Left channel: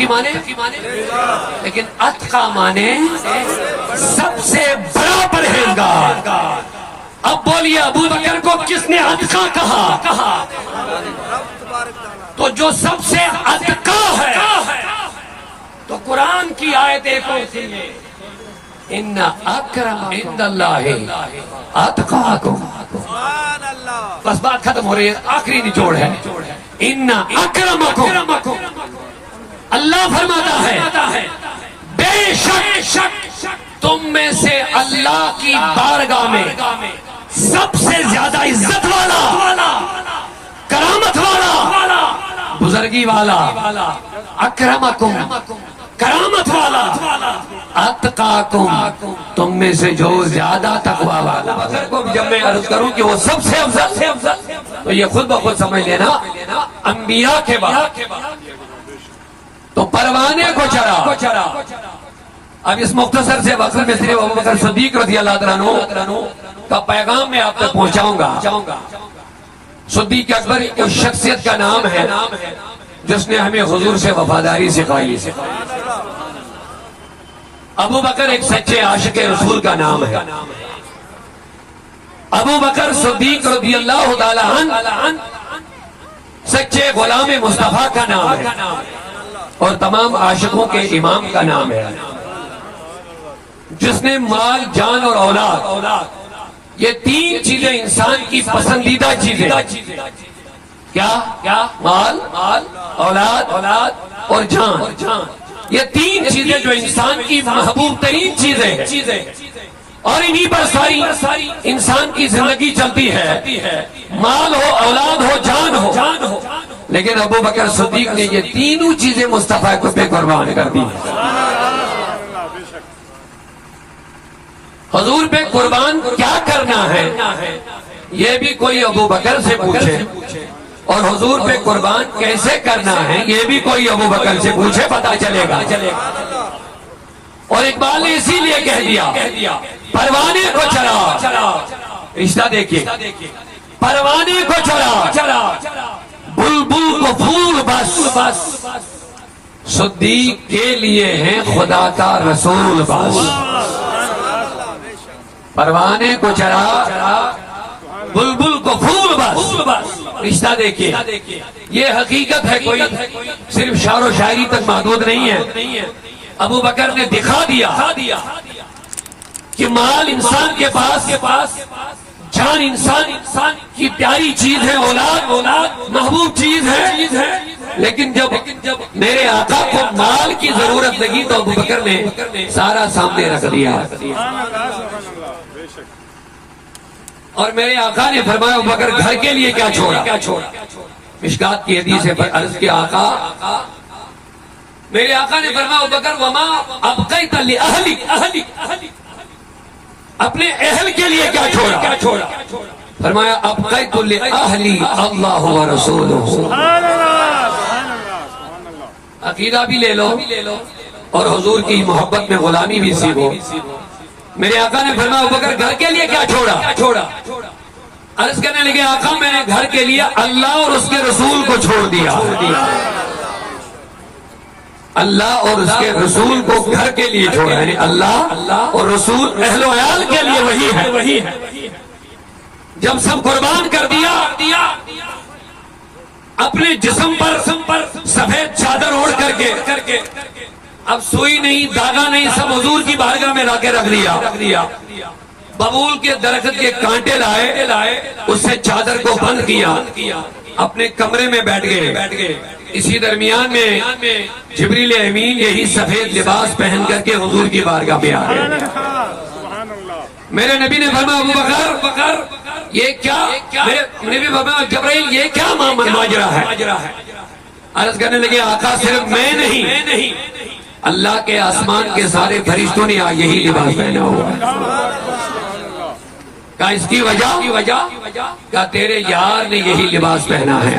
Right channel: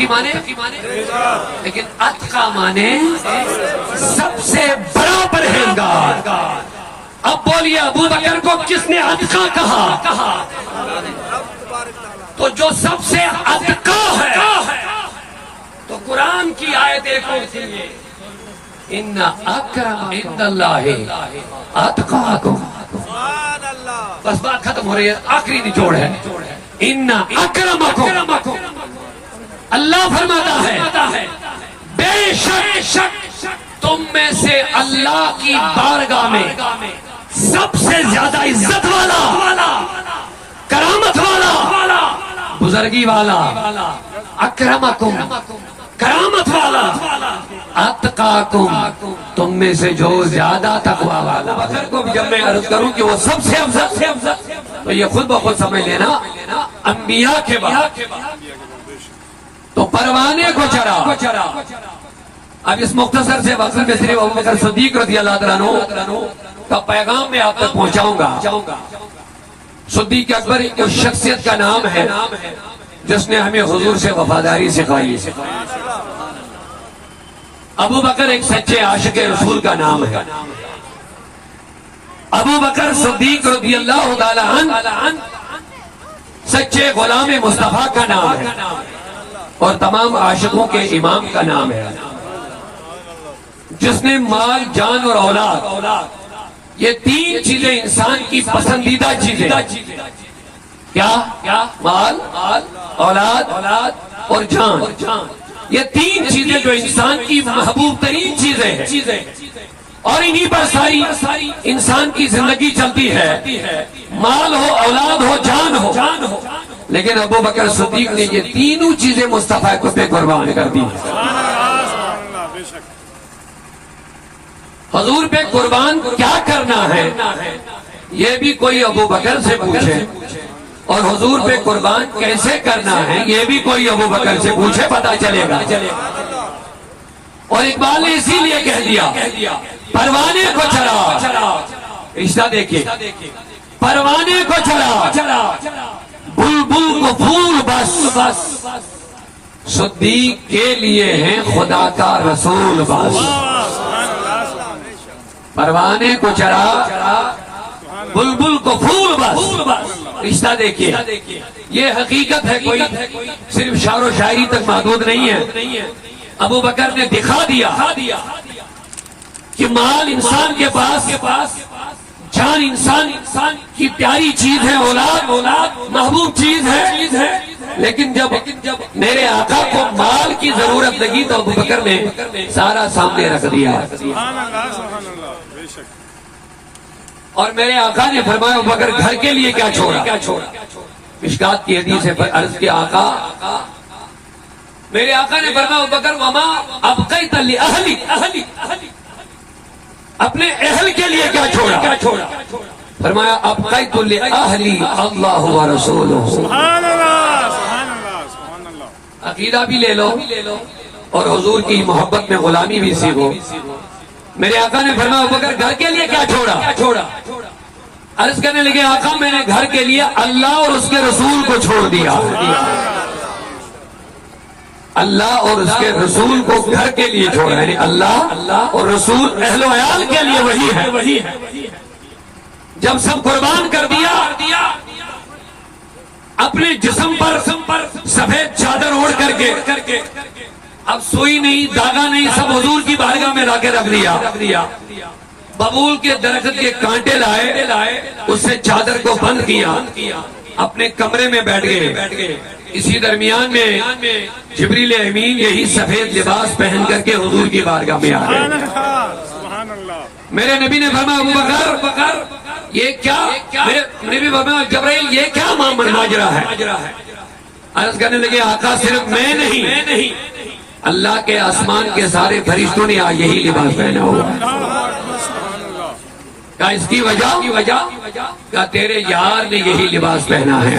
کی مانے لیکن اتقا مانے سب سے بڑا پرہیزگار. اب بولیے ابو بکر کو کس نے اتقا کہا؟ تو جو سب سے اتقا ہے تو قرآن کی آیت ایک اور سنیے، ان اکرم عند اللہ اتقاکم. بس بات ختم ہو رہی ہے، آخری نچوڑ ہے. ان اکرمکم، اللہ فرماتا ہے بے شک تم میں سے اللہ کی بارگاہ میں سب سے زیادہ عزت والا، کرامت والا، بزرگی والا، اکرمکم کرامت والا، اتقاکم تم میں سے جو زیادہ تقوی والا. جب میں عرض کروں کہ وہ سب سے افضل تو یہ خود بخود سمجھ لینا انبیاء کے بعد تو پروانے کو چرا. اب اس مختصر سے وقت میں صرف ابوبکر صدیق رضی اللہ عنہ کا پیغام میں آپ تک پہنچاؤں گا. صدیق اکبر اس شخصیت کا نام ہے جس نے ہمیں حضور سے وفاداری سکھائی. ابو بکر ایک سچے عاشق رسول کا نام ہے. ابو بکر صدیق رضی اللہ تعالی عنہ سچے غلام مصطفیٰ کا نام ہے اور تمام عاشقوں کے امام کا نام ہے، جس نے مال، جان اور اولاد، یہ تین چیزیں انسان کی پسندیدہ چیزیں، کیا مال، اولاد اور جان، یہ تین چیزیں جو انسان کی محبوب ترین چیزیں ہیں اور انہی پر ساری انسان کی زندگی چلتی ہے. مال ہو، اولاد ہو، جان ہو. لیکن ابو بکر صدیق نے یہ تینوں چیزیں مصطفیٰ کو پہ قربان کر دی. حضور پہ قربان کیا کرنا ہے یہ بھی کوئی ابو بکر سے پوچھے، اور حضور پہ قربان کیسے کرنا ہے یہ بھی کوئی ابو بکر سے پوچھے، پتا چلے گا. اور اقبال نے اسی لیے کہہ دیا پروانے کو چرا. رشتہ دیکھیے، پروانے کو چرا بلبل کو پھول بس، صدیق کے لیے ہیں خدا کا رسول بس. پروانے کو چرا بلبل کو پھول بس. رشتہ دیکھیے، یہ حقیقت ہے، کوئی صرف شعر و شاعری تک محدود نہیں ہے. ابو بکر نے دکھا دیا کہ مال انسان کے پاس، جان انسان کی پیاری چیز ہے، اولاد محبوب چیز ہے، لیکن جب میرے آقا کو مال کی ضرورت لگی تو ابو بکر نے سارا سامنے رکھ دیا. اور میرے آقا نے فرمایا ابو بکر گھر کے لیے کیا چھوڑا؟ مشکات کی حدیث ہے، عرض کیا آقا، میرے آقا نے فرمایا ابو بکر وما ابقیت لأہلک، اپنے اہل کے لیے کیا چھوڑا؟ فرمایا ابقیت لأہلی اللہ ورسولہ. عقیدہ بھی لے لو اور حضور کی محبت میں غلامی بھی سیکھو. میرے آقا نے فرمایا ابو بکر گھر کے لیے کیا چھوڑا؟ عرض کرنے لگے آقا میں نے گھر کے لیے اللہ اور اس کے رسول کو چھوڑ دیا. اللہ اور اس کے رسول کو گھر کے لیے چھوڑا، یعنی اللہ اور رسول اہل و عیال کے لیے وہی ہے. جب سب قربان کر دیا، اپنے جسم پر سفید چادر اوڑھ کر کے، اب سوئی نہیں، داغا نہیں، سب حضور کی بارگاہ میں لا کے رکھ دیا. ببول کے درخت کے کانٹے لائے، اس سے چادر کو بند کیا، اپنے کمرے میں بیٹھ گئے. اسی درمیان میں جبریل امین یہی سفید لباس پہن کر کے حضور کی بارگاہ میں آ گئے. میرے نبی نے فرمایا ابو بکر یہ کیا؟ نبی فرمایا جبرائیل یہ کیا ماجرا ہے؟ عرض کرنے لگے آقا صرف میں نہیں، اللہ کے آسمان کے سارے فرشتوں نے یہی لباس پہنا ہوا ہے. کہا اس کی وجہ کہا تیرے یار نے یہی لباس پہنا ہے.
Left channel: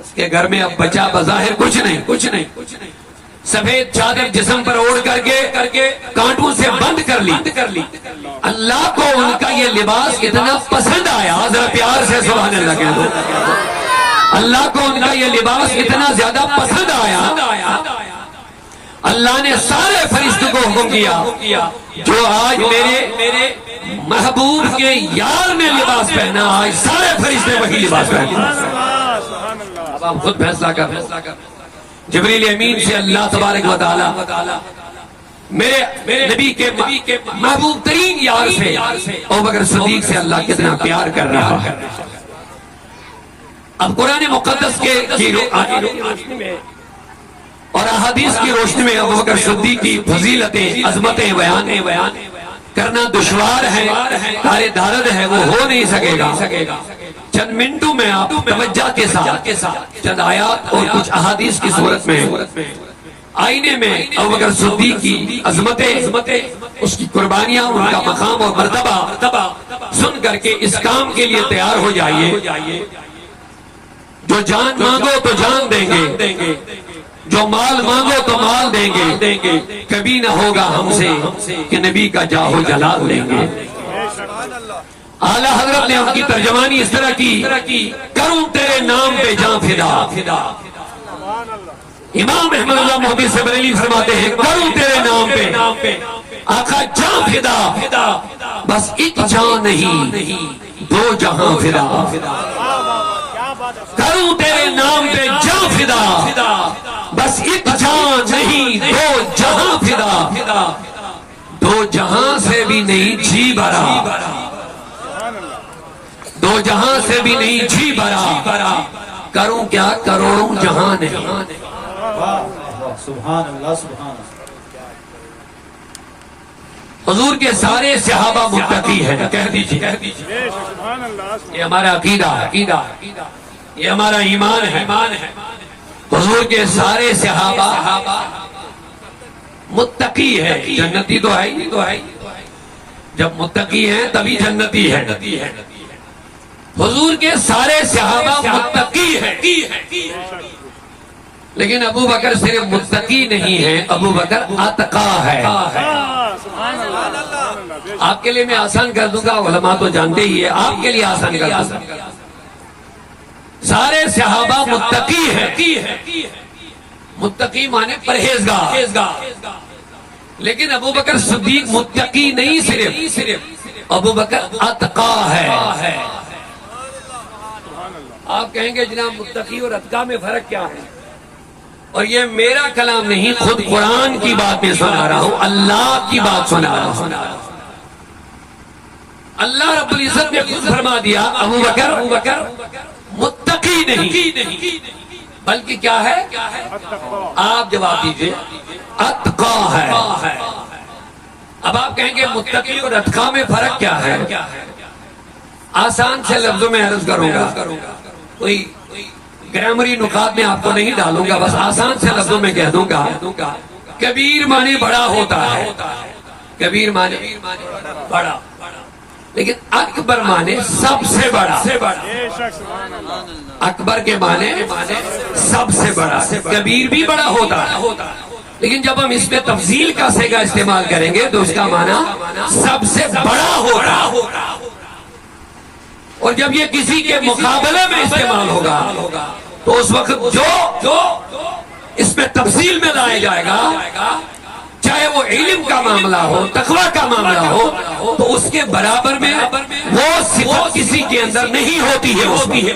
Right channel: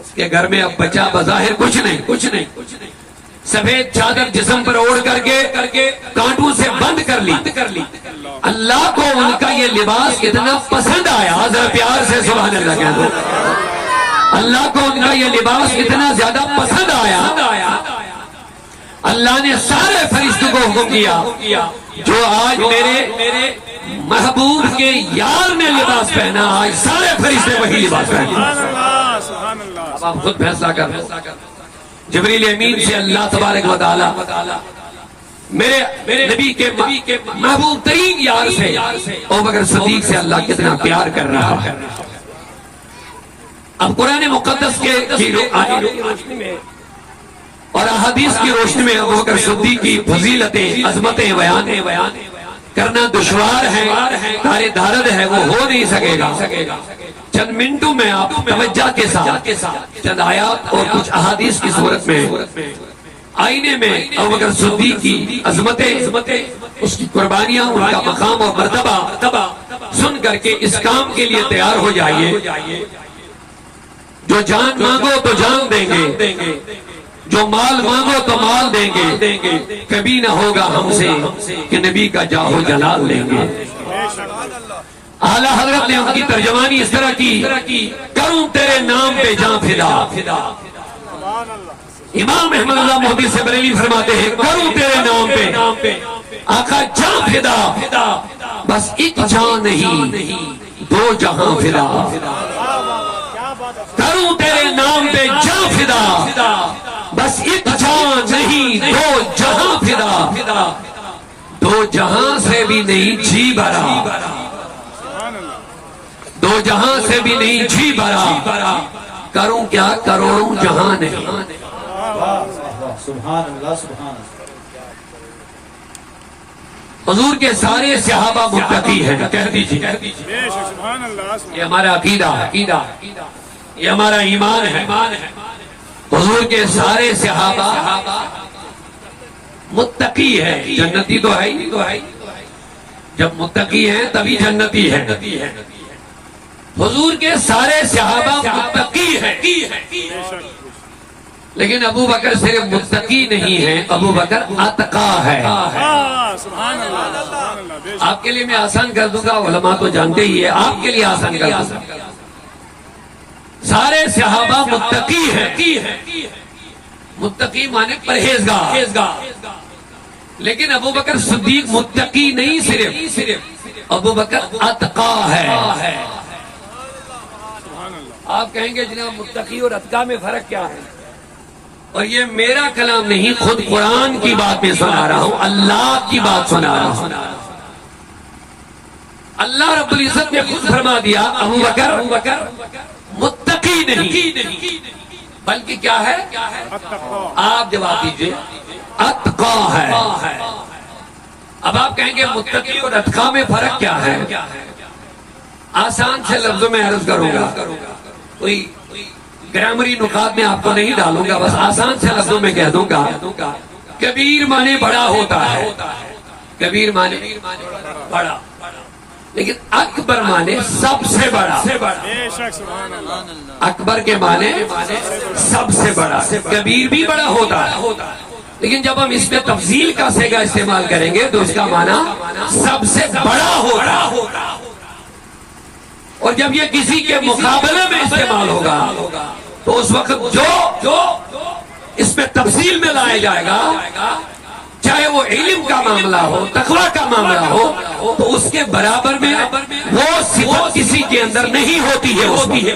اس کے گھر میں اب بچہ بظاہر کچھ نہیں، سفید چادر جسم پر اوڑھ کر کے کانٹوں سے بند کر لی. اللہ کو ان کا یہ لباس اتنا پسند آیا، ذرا پیار سے سبحان اللہ کہہ دو. اللہ کو ان کا یہ لباس اتنا زیادہ پسند آیا، اللہ نے سارے فرشتوں کو حکم کیا جو آج میرے محبوب کے یار نے لباس پہنا، آج سارے فرشتے وہی لباس پہنا۔ اب آپ خود فیصلہ کر لو۔ جبریل امین سے اللہ تبارک و تعالی میرے نبی کے محبوب ترین یار سے ابوبکر صدیق سے اللہ کتنا پیار کر رہا ہے۔ اب قرآن مقدس کی روشنی میں اور احادیث کی روشنی میں ابوبکر صدیق کی فضیلتیں، عظمتیں بیان کرنا دشوار ہے، تارے دارد ہے، وہ ہو نہیں سکے گا۔ چند منٹوں میں آپ توجہ کے ساتھ چند آیات اور کچھ احادیث کی صورت میں آئینے میں ابوبکر صدیق کی عظمتیں، اس کی قربانیاں، ان کا مقام اور مرتبہ سن کر کے اس کام کے لیے تیار ہو جائیے۔ جو جان مانگو تو جان دیں گے، جو مال مانگو تو مال دیں گے، کبھی نہ ہوگا ہم سے کہ نبی کا جاہ و جلال لیں گے۔ اعلیٰ حضرت نے ان کی ترجمانی اس طرح کی، کروں تیرے نام پہ جاں فدا۔ امام احمد اللہ محدث سے بریلوی فرماتے ہیں کروں تیرے نام پہ آقا جاں فدا، بس ایک جاں نہیں دو جہاں فدا۔ کروں تیرے نام پہ جاں فدا، بس ایک جہاں نہیں دو جہاں فدا۔ دو جہاں سے بھی نہیں جی بھرا، دو جہاں سے بھی نہیں جی بھرا، کروں کیا کروڑوں جہاں نہیں۔ سبحان اللہ، سبحان اللہ۔ حضور کے سارے صحابہ متقی ہیں، کہہ دیجیے یہ ہمارا عقیدہ، یہ ہمارا ایمان ہے۔ حضور کے سارے صحابہ متقی ہے، جنتی تو ہے ہی، جب متقی ہے تبھی جنتی ہے۔ حضور کے سارے صحابہ متقی ہے، لیکن ابو بکر صرف متقی نہیں ہے، ابو بکر اتقا ہے۔ آپ کے لیے میں آسان کر دوں گا، علماء تو جانتے ہی ہے، آپ کے لیے آسان کر دوں گا۔ سارے صحابہ متقی ہے، متقی مانے پرہیزگار، لیکن ابو بکر صدیق متقی نہیں، صرف ابو بکر اتقا ہے۔ آپ کہیں گے جناب متقی اور اتقا میں فرق کیا ہے؟ اور یہ میرا کلام نہیں، خود قرآن کی بات میں سنا رہا ہوں، اللہ کی بات سنا رہا ہوں۔ اللہ رب العزت نے خود فرما دیا ابو بکر متقی نہیں بلکہ کیا ہے؟ آپ جواب دیجئے، اتقا ہے۔ اب آپ کہیں گے متقی اور اتقا میں فرق کیا ہے؟ آسان سے لفظوں میں عرض کروں گا، کوئی گرامری نکات میں آپ کو نہیں ڈالوں گا، بس آسان سے لفظوں میں کہہ دوں گا، کبیر مانے بڑا ہوتا ہے، کبیر مانے بڑا، لیکن اکبر مانے سب سے بڑا۔ اکبر کے مانے سب سے بڑا، کبیر بھی بڑا ہوتا ہے، لیکن جب ہم اس میں تفضیل کا صیغہ استعمال کریں گے تو اس کا معنی سب سے بڑا ہوگا، اور جب یہ کسی کے مقابلے میں استعمال ہوگا تو اس وقت جو اس میں تفصیل میں لایا جائے گا، چاہے وہ علم کا معاملہ ہو، تقویٰ کا معاملہ ہو، تو اس کے برابر میں وہ صفت کسی کے اندر نہیں ہوتی ہے۔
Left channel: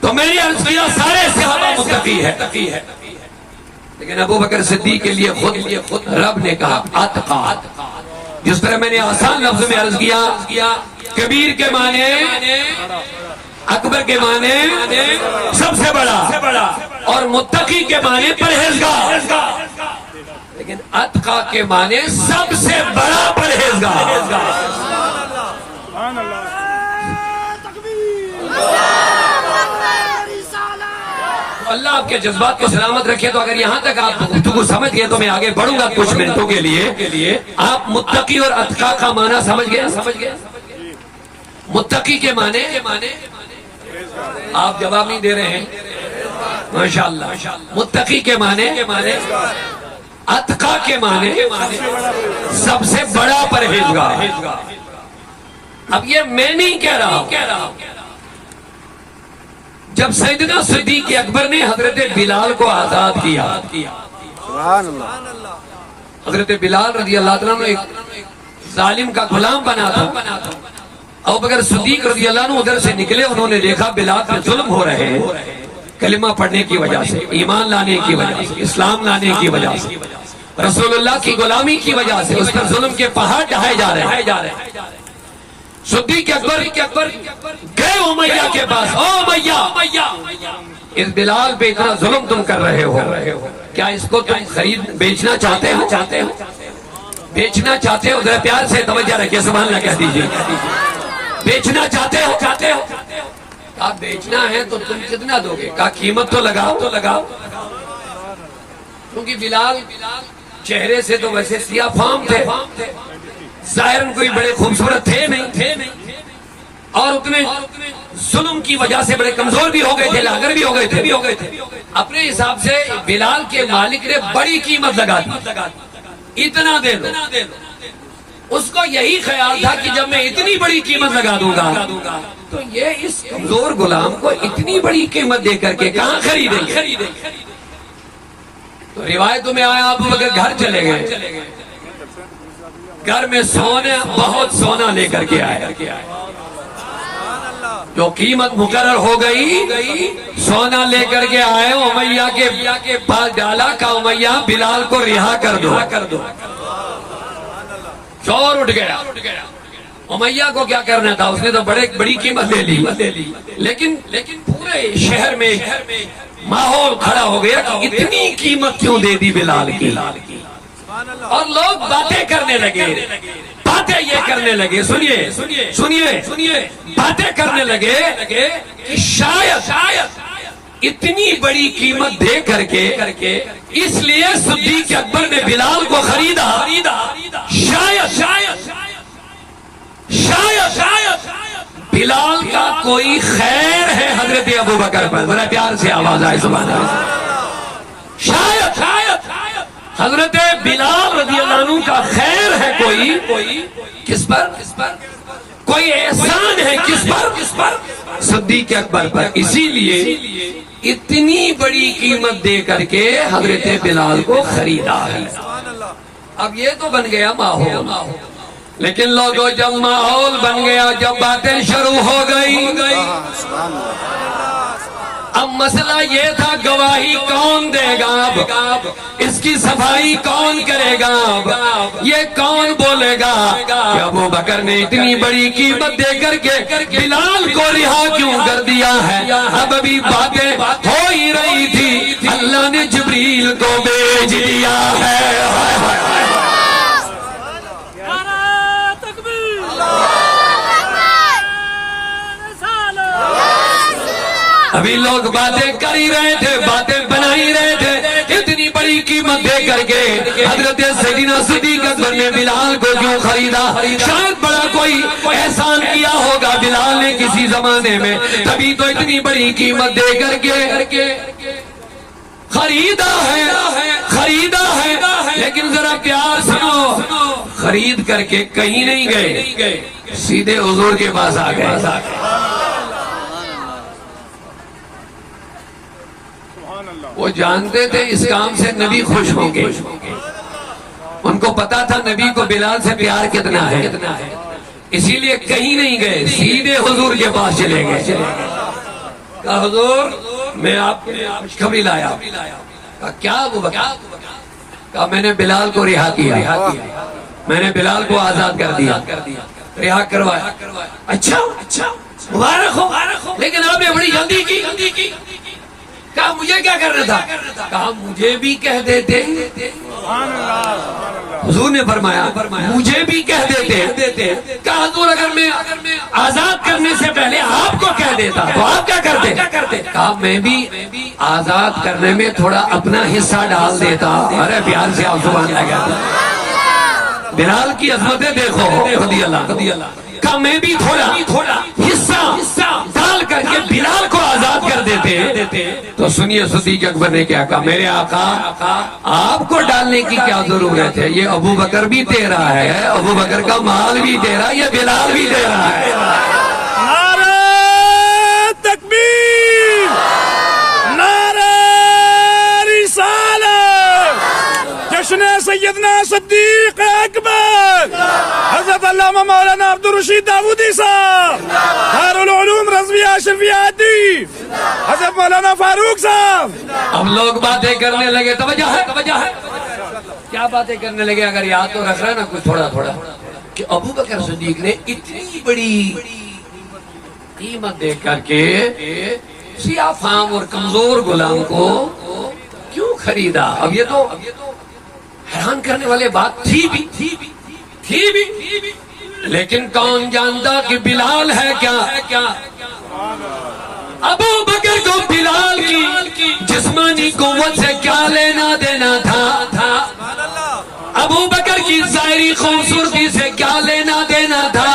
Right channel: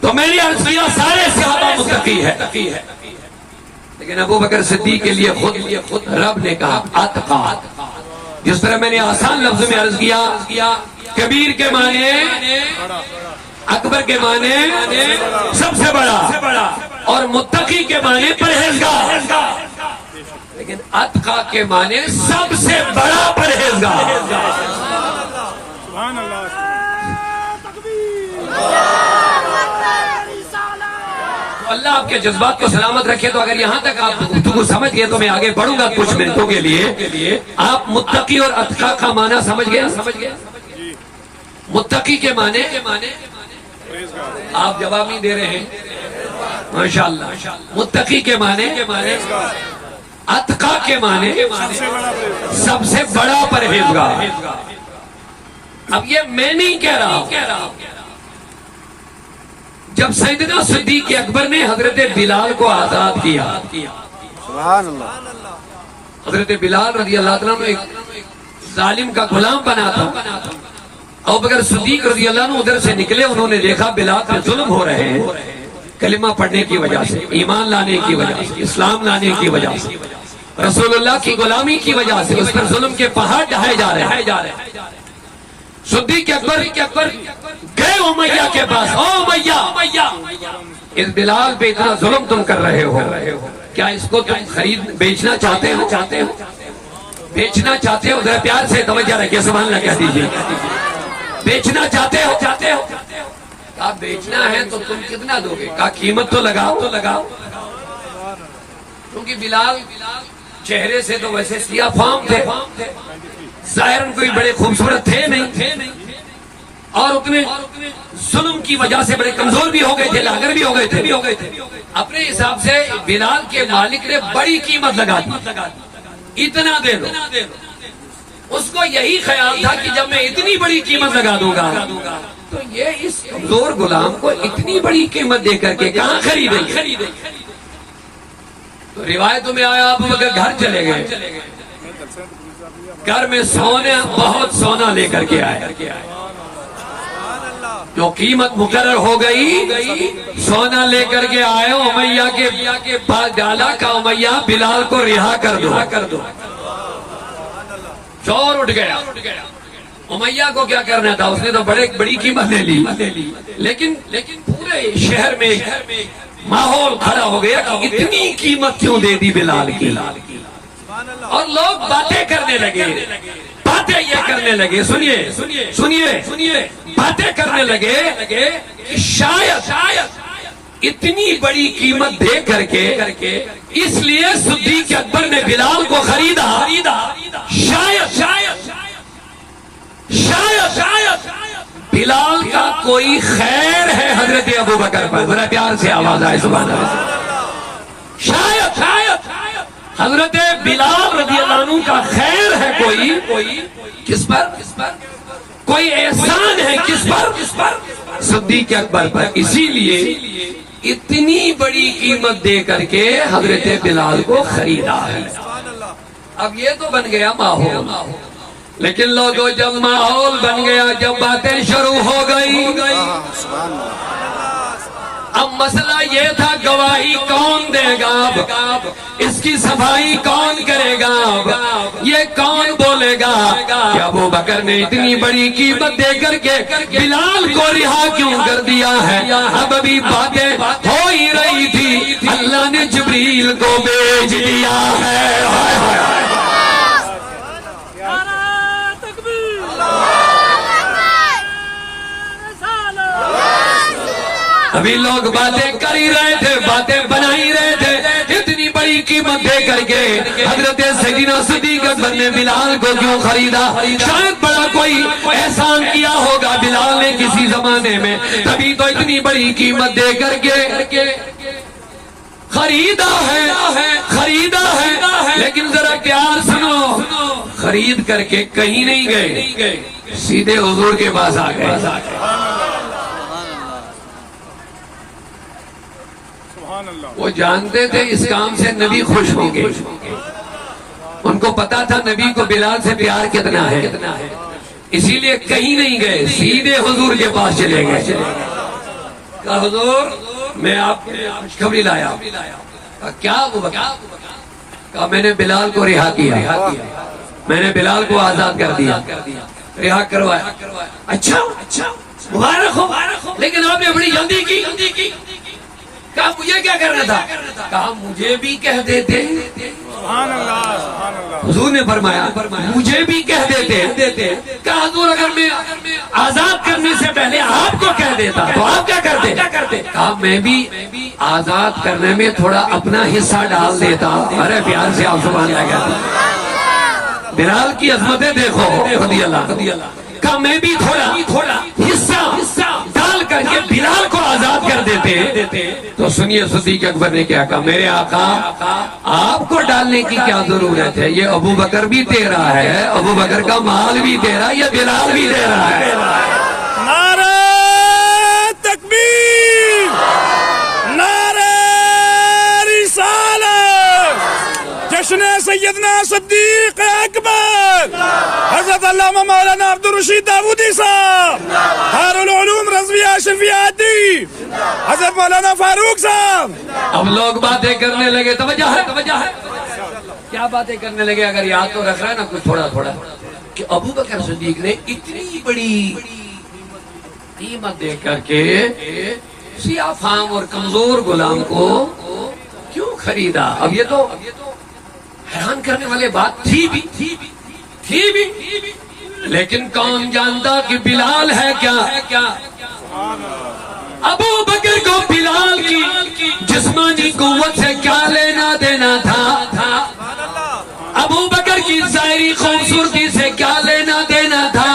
تو میری عرض کیا سارے صحابہ متقی ہے، لیکن ابو بکر صدیق کے لیے خود رب نے کہا اتقا۔ جس طرح میں نے آسان لفظ میں عرض کیا، کبیر کے معنی اکبر کے معنی سب سے بڑا، اور متقی کے معنی پرہیزگار، لیکن اتقا کے معنی سب سے بڑا پرہیزگار۔ اللہ آپ کے جذبات کو سلامت رکھے۔ تو اگر یہاں تک آپ گفتگو سمجھ گئے تو میں آگے بڑھوں گا کچھ منٹوں کے لیے۔ آپ متقی اور اتقا کا معنی سمجھ گئے؟ متقی کے معنی آپ جواب نہیں دے رہے ہیں، ماشاءاللہ۔ متقی کے معنی اتقا کے معنی سب سے بڑا پرہیزگار۔ اب یہ میں نہیں کہہ رہا، جب سیدنا صدیق اکبر نے حضرت بلال کو آزاد کیا، سبحان اللہ. حضرت بلال رضی اللہ عنہ ایک ظالم کا غلام بنا تھا. ابو بکر صدیق رضی اللہ عنہ ادھر سے نکلے، انہوں نے دیکھا بلال پر ظلم ہو رہے ہیں، کلمہ پڑھنے کی وجہ سے، ایمان لانے کی وجہ سے، اسلام لانے کی وجہ سے، رسول اللہ کی غلامی کی وجہ سے اس پر ظلم کے پہاڑ ڈھائے جا رہے ہیں. صدیق اکبر گئے امیہ کے پاس، او امیہ، اس بلال پہ اتنا ظلم تم کر رہے ہو، کیا اس کو تم خرید بیچنا چاہتے ہو؟ بیچنا چاہتے ہو؟ ذرا پیار سے توجہ رکھے، سبحان اللہ کہہ دیجیے. بیچنا چاہتے ہو؟ کہا بیچنا ہے تو تم کتنا دو گے؟ کہا قیمت تو لگاؤ. کیونکہ بلال چہرے سے تو ویسے سیاہ فام تھے، ظاہراً کوئی بڑے خوبصورت تھے نہیں، اور اتنے ظلم کی وجہ سے بڑے کمزور بھی ہو گئے تھے، لاغر بھی ہو گئے تھے. اپنے حساب سے بلال کے مالک نے بڑی قیمت لگا دی، اتنا دے دو. اس کو یہی خیال تھا کہ جب میں اتنی بڑی قیمت لگا دوں گا تو یہ اس کمزور غلام کو اتنی بڑی قیمت دے کر کے کہاں خریدیں گے. تو روایتوں میں آیا ابو بکر گھر چلے گئے، گھر میں بہت سونا لے کر کے آئے. جو قیمت مقرر ہو گئی سونا لے کر کے آئے، امیہ کے پاس ڈالا، کہا امیہ بلال کو رہا کر دو. شور اٹھ گیا. امیہ کو کیا کرنا تھا؟ اس نے تو بڑی قیمت لے لی، لیکن پورے شہر میں ماحول کھڑا ہو گیا کہ اتنی قیمت کیوں دے دی بلال کی. اور لوگ باتیں کرنے لگے، باتیں یہ کرنے لگے، سنیے باتیں کرنے لگے کہ شاید اتنی بڑی قیمت دے کر کے اس لیے صدیق اکبر نے بلال کو خریدا. شاید بلال کا کوئی خیر ہے حضرت ابو بکر پر. بڑا پیار سے آواز آئے سبحان اللہ. شاید حضرت بلال رضی اللہ عنہ کا خیر ہے کوئی کس پر؟ کوئی احسان ہے کس پر؟ صدیق اکبر پر. اسی لیے اتنی بڑی قیمت دے کر کے حضرت بلال کو خریدا ہے. اب یہ تو بن گیا ماحول، لیکن لوگوں جب ماحول بن گیا، جب باتیں شروع ہو گئی، اب مسئلہ یہ تھا گواہی کون دے گا، اس کی صفائی کون کرے گا، یہ کون بولے گا کہ ابو بکر نے اتنی بڑی قیمت دے کر کے بلال کو رہا کیوں کر دیا ہے. اب ابھی باتیں ہو ہی رہی تھی، اللہ نے جبریل کو بھیج دیا ہے. ابھی لوگ باتیں کر ہی رہے تھے، باتیں بنا ہی رہے تھے، اتنی بڑی قیمت دے کر کے حضرت سیدنا صدیق اکبر نے بلال کو کیوں خریدا؟ شاید بڑا کوئی احسان کیا ہوگا بلال نے کسی زمانے میں، تبھی تو اتنی بڑی قیمت دے کر کے خریدا ہے. لیکن ذرا پیار سنو، خرید کر کے کہیں نہیں گئے، سیدھے حضور کے پاس آ گئے. وہ جانتے تھے اس کام سے نبی خوش ہوں گے، ان کو پتا تھا نبی کو بلال سے پیار کتنا ہے، اسی لیے کہیں نہیں گئے، سیدھے حضور کے پاس چلے گئے. کہا حضور میں آپ کے لیے خوشخبری لایا. کہا کیا؟ کہا میں نے بلال کو رہا کیا، میں نے بلال کو آزاد کر دیا، رہا کروایا. اچھا مبارک ہو، لیکن آپ نے بڑی جلدی کی. کہا مجھے کیا کرنا تھا؟ کہا مجھے بھی کہہ دیتے. حضور نے فرمایا مجھے بھی کہہ دیتے. کہا حضور اگر میں آزاد کرنے سے پہلے آپ کو کہہ دیتا تو آپ کیا کرتے؟ کہا میں بھی آزاد کرنے میں تھوڑا اپنا حصہ ڈال دیتا. ارے پیار سے آپ سبحان اللہ کہتے. بلال کی عظمتیں دیکھو رضی اللہ. کہا میں بھی تھوڑا حصہ ڈال کر کے بلال کو آزاد کر دیتے. تو سنیے صدیق اکبر نے کیا کہا، میرے آقا آپ کو ڈالنے کی کیا ضرورت ہے، یہ ابو بکر بھی تیرا ہے، ابو بکر کا مال بھی تیرا، یہ بلال بھی تیرا ہے. نعرہ تکبیر. جشن سیدنا صدیق اکبر حضرت علامہ مولانا عبدالرشید داودی صاحب، دارالعلوم رضویہ اشرفیہ ادیب حضرت مولانا فاروق صاحب. اب لوگ باتیں کرنے لگے. توجہ ہے کیا باتیں کرنے لگے؟ اگر یاد تو رکھ رہا نا کچھ تھوڑا تھوڑا کہ ابو بکر صدیق نے اتنی بڑی قیمت دے کر کے سیاہ فام اور کمزور غلام کو کیوں خریدا؟ اب یہ تو حیران کرنے والی بات تھی بھی لیکن کون جانتا کہ بلال ہے کیا؟ ابو بکر کو بلال کی جسمانی قوت سے کیا لینا دینا تھا؟ ابو بکر کی ظاہری خوبصورتی سے کیا لینا دینا تھا؟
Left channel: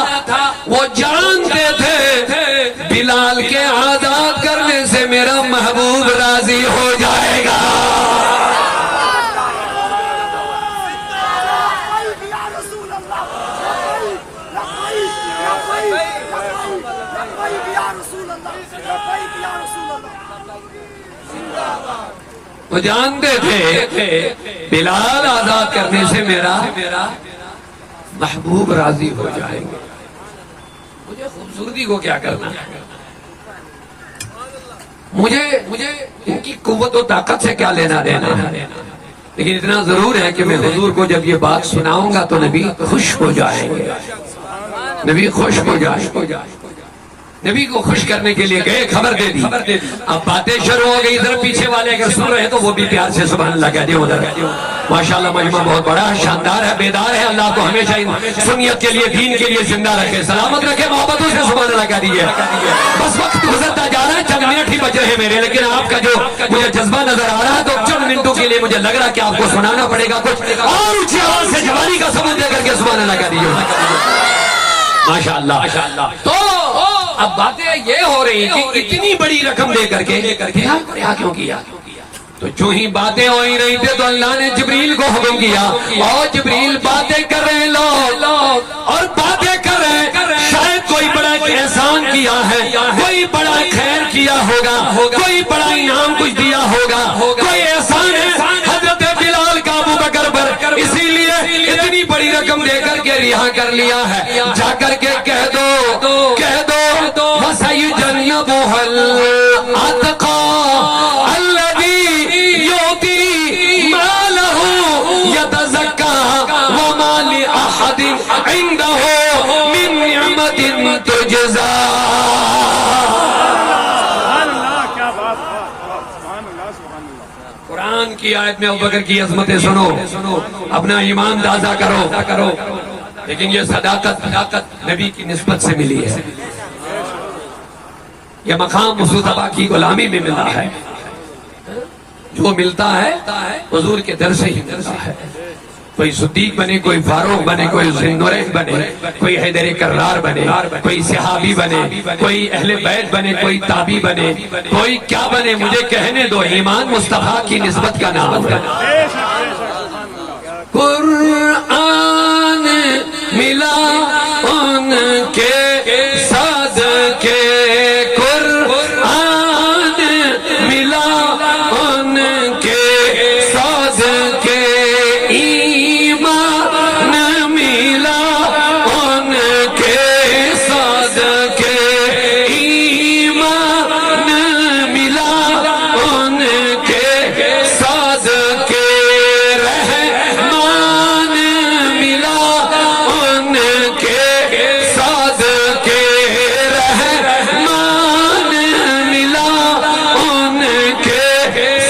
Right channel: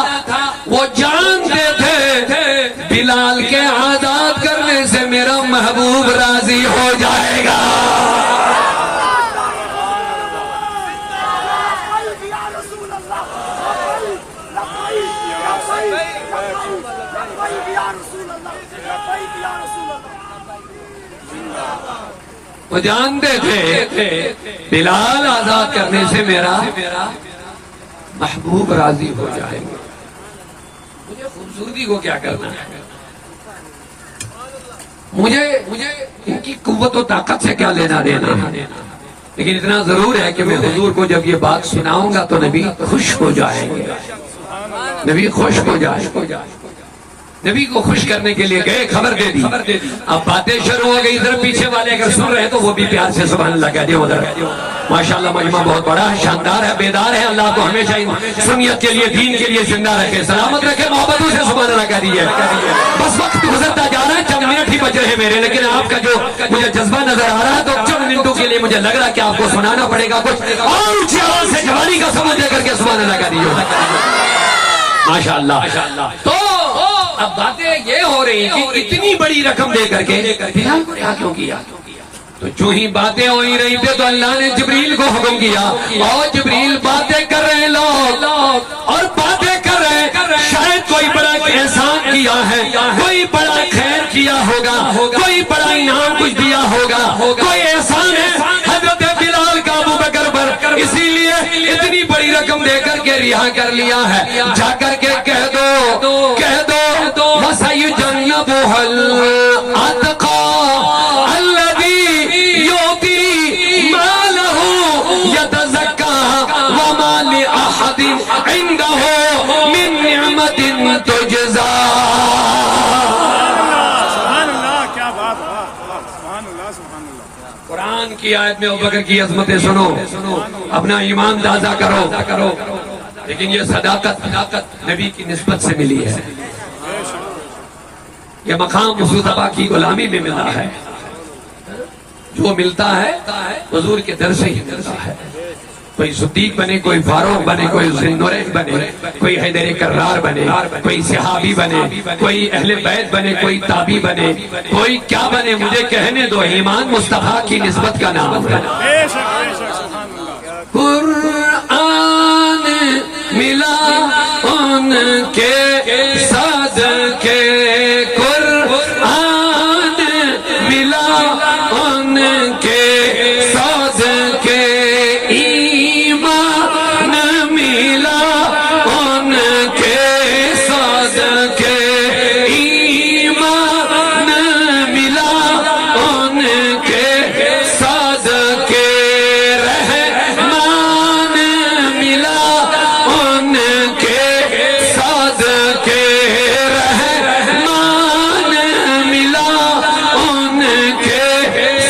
وہ جانتے تھے بلال کے آزاد کرنے سے میرا محبوب راضی ہو جائے گا. وہ جانتے تھے بلال آزاد کرنے سے میرا محبوب راضی ہو جائیں گے. مجھے خوبصورتی کو کیا کرنا ہے؟ مجھے ان کی قوت و طاقت سے کیا لینا دینا ہے؟ لیکن اتنا ضرور ہے کہ میں حضور کو جب یہ بات سناؤں گا تو نبی خوش ہو جائیں گے. نبی خوش ہو جائیں گے. نبی کو خوش کرنے کے لیے گئے، خبر دے دی. اب باتیں شروع ہو گئی. ادھر پیچھے والے اگر سن رہے ہیں تو وہ بھی پیار سے سبحان اللہ کہہ دیو. ماشاءاللہ مجمع بہت بڑا ہے، شاندار ہے، بیدار ہے. اللہ کو ہمیشہ سنیت کے لیے، دین کے لیے زندہ رکھے، سلامت رکھے. محبتوں سے سبحان اللہ کہہ دیجیے. بس وقت گزرتا جا رہا ہے، چند منٹ ہی بچ رہے ہیں میرے، لیکن آپ کا جو مجھے جذبہ نظر آ رہا ہے تو چند منٹوں کے لیے مجھے لگ رہا ہے کہ آپ کو سنانا پڑے گا کچھ اور اونچی آواز سے جوانی کا سبوت دے کر کے سبحان اللہ کہہ دیجیے. ماشاءاللہ. تو اب باتیں یہ ہو رہی کہ اتنی بڑی رقم دے کر کے کیوں کیا؟ تو جو ہی باتیں ہو ہی رہی تھے تو اللہ نے جبریل کو حکم کیا اور جبریل باتیں کر رہے لوگ اور باتیں کر رہے، شاید کوئی بڑا احسان کیا ہے، کوئی بڑا خیر کیا ہوگا، کوئی بڑا انعام کچھ دیا ہوگا، کوئی احسان ہے حضرت بلال کا ابو بکر پر، اسی لیے اتنی بڑی رقم دے کر کے رہا کر لیا ہے. جا کر کے کہہ دو وَسَيُجَنَّبُهَا الْأَتْقَى الَّذِي يُؤْتِي مَالَهُ يَتَزَكَّىٰ وَمَا لِأَحَدٍ عِندَهُ مِن نِّعْمَةٍ تُجْزَىٰ. قرآن کی آیت میں ابو بکر کی عظمتیں سنو، اپنا ایمان تازہ کرو. لیکن یہ صداقت نبی کی نسبت سے ملی ہے. یہ مقام مصطفیٰ کی غلامی میں ملا ہے. جو ملتا ہے حضور کے در سے ہی ملتا ہے. کوئی صدیق بنے، کوئی فاروق بنے، کوئی ذوالنورین بنے، کوئی حیدر کرار بنے، کوئی صحابی بنے، کوئی اہل بیت بنے، کوئی تابعی بنے، کوئی کیا بنے، مجھے کہنے دو، ایمان مصطفیٰ کی نسبت کا نام ہے. قرآن ملا ان کے صدقے، قرآن ملا ان کے صدقے، ایمان ملا ان کے صدقے، ایمان ملا ان کے صدقے، رحمان ملا ان کے صدقے، رحمان ملا ان کے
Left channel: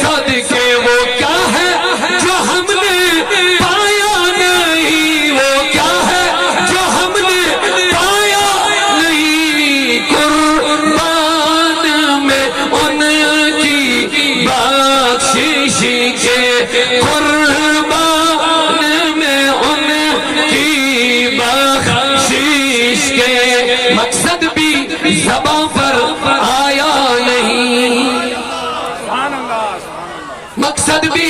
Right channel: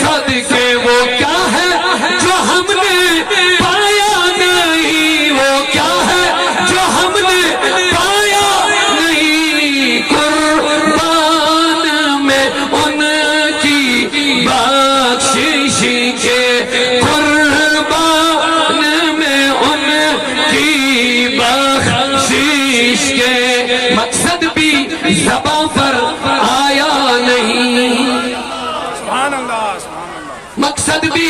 صدقے. وہ کیا ہے جو ہم نے پایا نہیں، وہ کیا ہے جو ہم نے پایا نہیں، قربان میں ان کی بخشش کے، قربان میں ان کی بخشش کے. مقصد بھی زبان پر آیا نہیں، مقصد بھی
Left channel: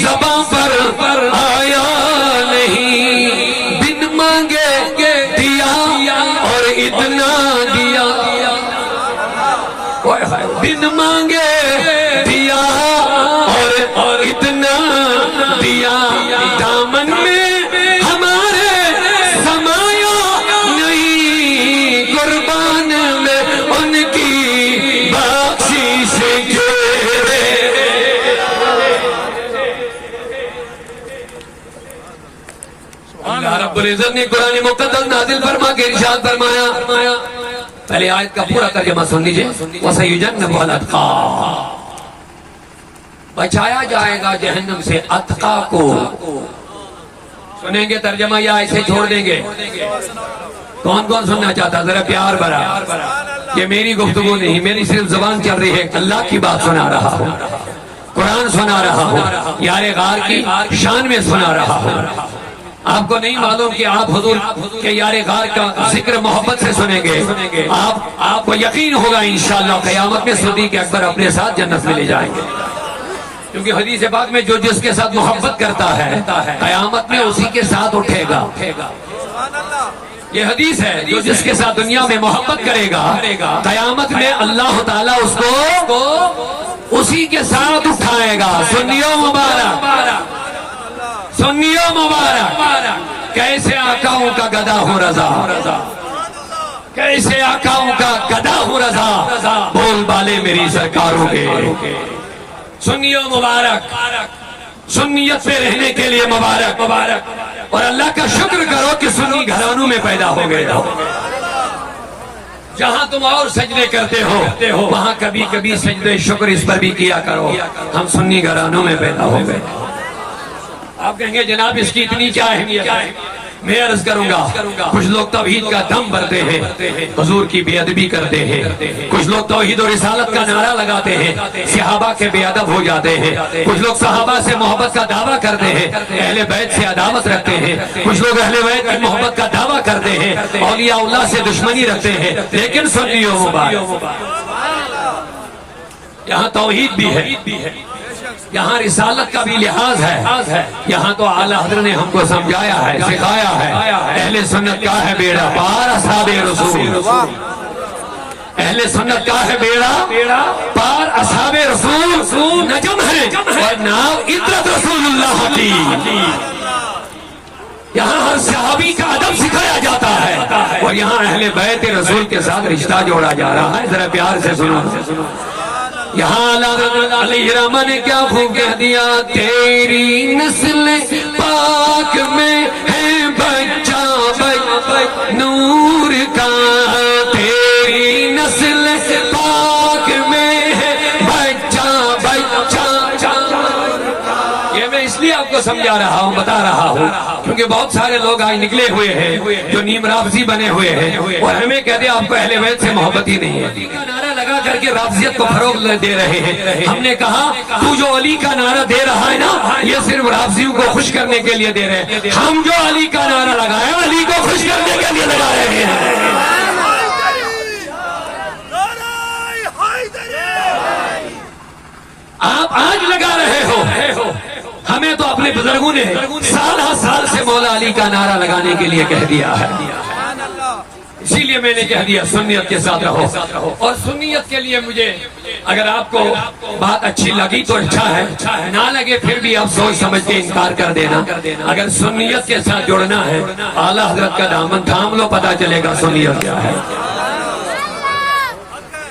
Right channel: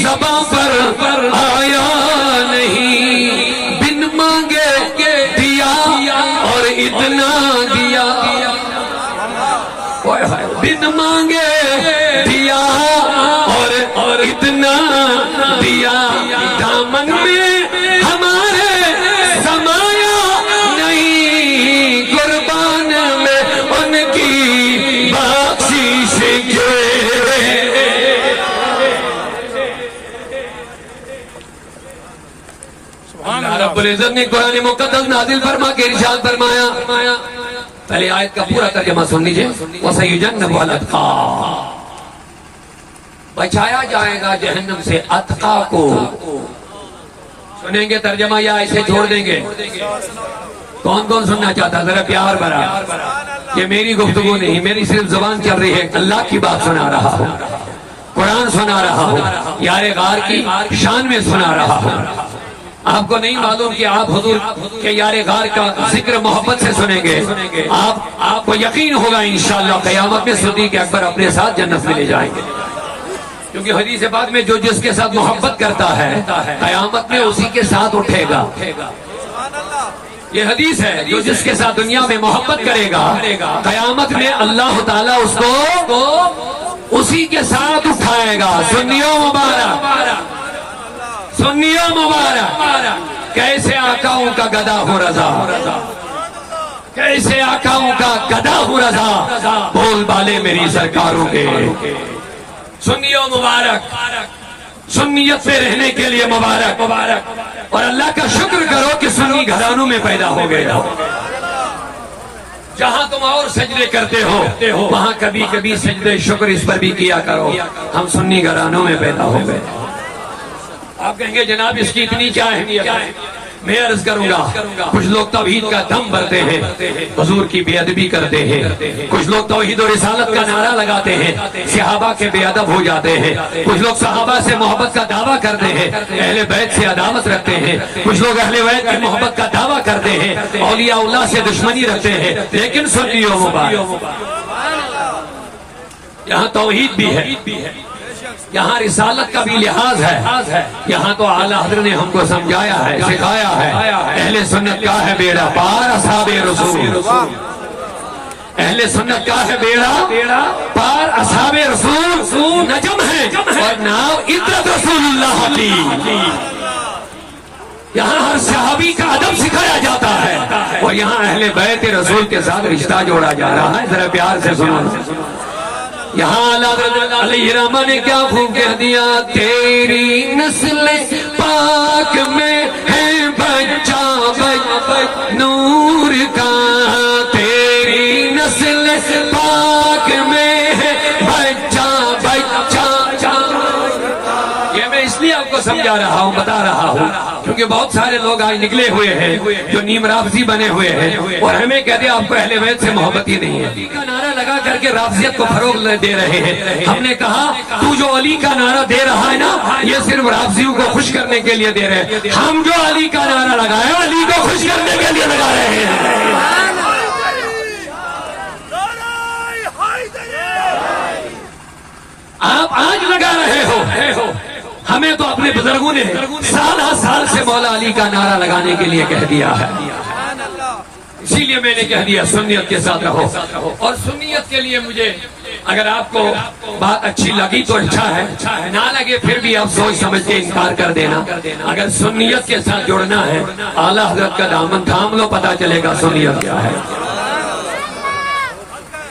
زبان پر آیا نہیں، بن مانگے دیا اور اتنا دیا، بن مانگے دیا اور اتنا دیا. اللہ رب العزت نے قرآن مقدس نازل فرما کے ارشاد فرمایا. پہلے آیت کا پورا ترجمہ سن لیجئے. وَسَيُجَنَّبُهَا الْأَتْقَى، بچایا جائے گا جہنم سے اتقا کو. سنیں گے ترجمہ یا ایسے چھوڑ دیں گے؟ کون کون سننا چاہتا؟ ذرا پیار بھرا. یہ میری گفتگو نہیں، میری صرف زبان چل رہی ہے. اللہ کی بات سنا رہا ہوں، قرآن سنا رہا ہوں، یار غار کی شان میں سنا رہا ہوں. آپ کو نہیں معلوم کہ آپ حضور کے یار غار کا ذکر محبت سے سنیں گے. آپ کو یقین ہوگا انشاءاللہ قیامت میں صدیق اکبر اپنے ساتھ جنت میں لے جائیں گے. کیونکہ حدیث پاک میں جو جس کے ساتھ محبت کرتا ہے قیامت میں اسی کے ساتھ اٹھے گا. یہ حدیث ہے، جو جس کے ساتھ دنیا میں محبت کرے گا قیامت میں اللہ تعالیٰ اس کو اسی کے ساتھ اٹھائے گا. سنیو مبارک، سنیو مبارک. کیسے آقاؤں کا گدا ہوں رضا، کیسے آقاؤں کا گدا ہوں رضا، بول بالے میری سرکاروں کے. سنیو مبارک، سنیت سے رہنے کے لیے مبارک مبارک. اور اللہ کا شکر کرو کہ سنی گھرانوں میں پیدا ہو گئے ہو. جہاں تم اور سجدے کرتے ہو وہاں کبھی کبھی سجدے شکر اس پر بھی کیا کرو. ہم سنی گھرانوں میں پیدا ہو گئے. آپ کہیں گے جناب اس کی اتنی کیا اہمیت ہے؟ میں عرض کروں گا، کچھ لوگ توحید کا دم بھرتے ہیں، حضور کی بے ادبی کرتے ہیں. کچھ لوگ توحید و رسالت کا نعرہ لگاتے ہیں، صحابہ کے بے ادب ہو جاتے ہیں. کچھ لوگ صحابہ سے محبت کا دعویٰ کرتے ہیں، اہل بیت سے عداوت رکھتے ہیں. کچھ لوگ اہل بیت کی محبت کا دعویٰ کرتے ہیں، اولیاء اللہ سے دشمنی رکھتے ہیں. لیکن سنیو مبارک، یہاں توحید بھی ہے، یہاں رسالت کا بھی لحاظ ہے. یہاں تو اعلیٰ حضرت نے ہم کو سمجھایا ہے، سکھایا ہے. اہل سنت کا ہے بیڑا پار اصحاب رسول، اہل سنت کا ہے بیڑا پار اصحاب رسول. نجم ہے اور نام عطرت رسول اللہ کی. یہاں ہر صحابی کا ادب سکھایا جاتا ہے اور یہاں اہل بیت رسول کے ساتھ رشتہ جوڑا جا رہا ہے. ذرا پیار سے سنو. یہاں علیہ السلام نے کیا خوب کہہ دیا، تیری نسل پاک میں ہے بچہ نور کا، تیری نسل پاک میں ہے بچہ. یہ میں اس لیے آپ کو سمجھا رہا ہوں، بتا رہا ہوں، کیونکہ بہت سارے لوگ آج نکلے ہوئے ہیں جو نیم رافضی بنے ہوئے ہیں اور ہمیں کہتے ہیں آپ کو اہل بیت سے محبت ہی نہیں ہے. کا نعرہ لگا کر کے رافضیت کو فروغ دے رہے ہیں. ہم نے کہا تو جو علی کا نعرہ دے رہا ہے نا یہ صرف رافضیوں کو خوش کرنے کے لیے دے رہے ہیں. ہم جو علی کا نعرہ لگائے علی کو خوش کرنے کے لیے لگا رہے ہیں. آپ آج لگا رہے ہو، ہمیں تو اپنے بزرگوں نے سال سے مولا علی کا نعرہ لگانے کے لیے کہہ دیا ہے. اسی لیے میں نے کہہ دیا سنیت کے ساتھ رہو. اور سنیت کے لیے مجھے اگر آپ کو بات اچھی لگی تو اچھا ہے، نہ لگے پھر بھی آپ سوچ سمجھ کے انکار کر دینا. اگر سنیت کے ساتھ جڑنا ہے اعلیٰ حضرت کا دامن تھام لو، پتہ چلے گا سنیت کیا ہے.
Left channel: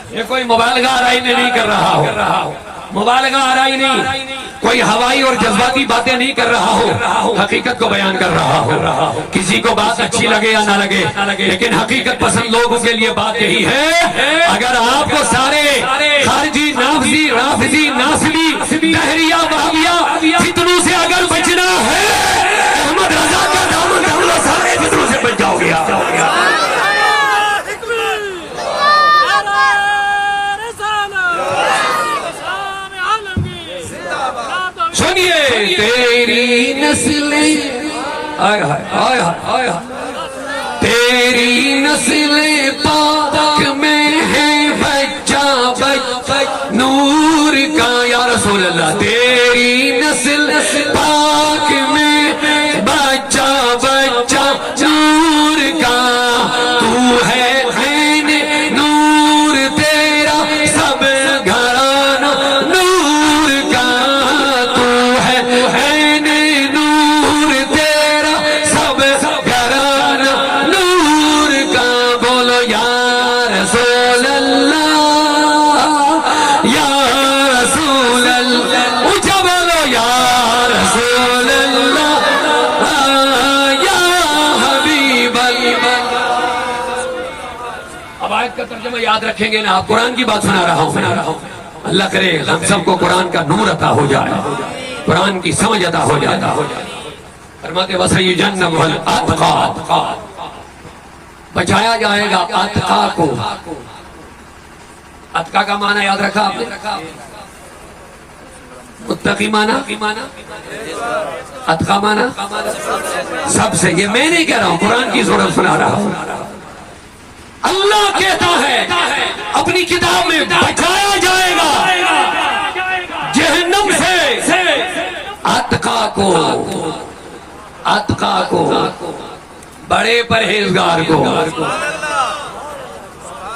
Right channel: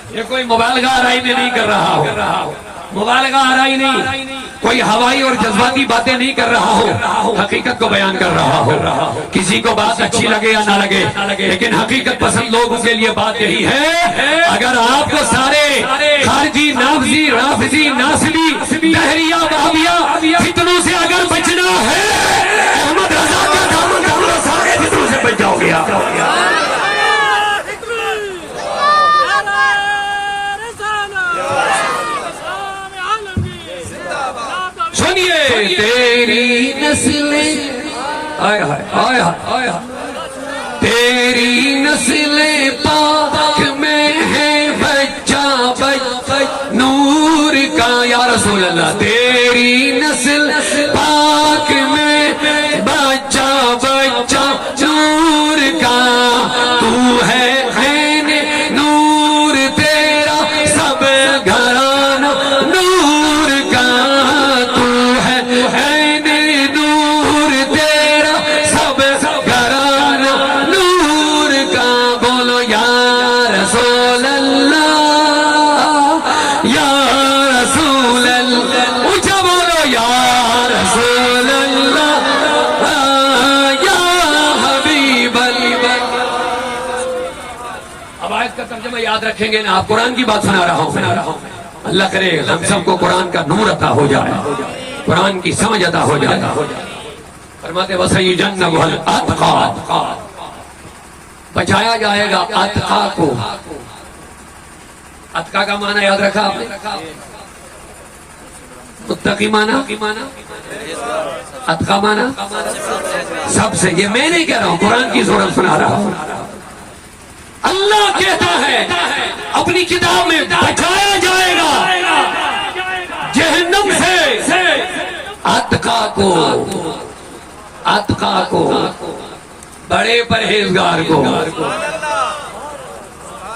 یہ کوئی مبالغہ آرائی میں نہیں کر رہا ہو، مبالغہ آرائی نہیں، کوئی ہوائی اور جذباتی باتیں نہیں کر رہا ہو، حقیقت کو بیان کر رہا ہو. کسی کو بات اچھی لگے یا نہ لگے لیکن حقیقت پسند لوگوں کے لیے بات یہی ہے. اگر آپ کو سارے خارجی نافذی رافضی ناصبی دہریہ وہابیہ فتنوں سے اگر بچنا ہے احمد رضا کا دامن تھام لو، سارے فتنوں سے بچ جاؤ گے. سنیے تیری نسل تیری نسل پاک میں ہے بچہ نور کا. یا رسول اللہ تیری نسل پاک میں بچہ نور کا، تو ہے نور تیرا سب گھرانہ نور کا، تو ہے نور تیرا سب گھرانہ نور کا. بولو یا رسول اللہ یا آیت کا ترجمہ یاد رکھیں گے نا، آپ قرآن کی بات سنا رہا ہوں. اللہ کرے ہم سب کو قرآن کا نور عطا ہو جائے، قرآن کی سمجھ عطا ہو جائے. فرماتے وَسَيُجَنَّبُهَا الْأَتْقَى، بچایا جائے گا اتقا کو. اتقا کا معنی یاد رکھا آپ نے؟ متقی معنی، اتقا معنی سب سے. یہ میں نہیں کہہ رہا ہوں، قرآن کی صورت سنا رہا ہوں. اللہ کہتا ہے اپنی کتاب میں بچایا جائے گا جہنم سے اتقا کو، بڑے پرہیزگار کو.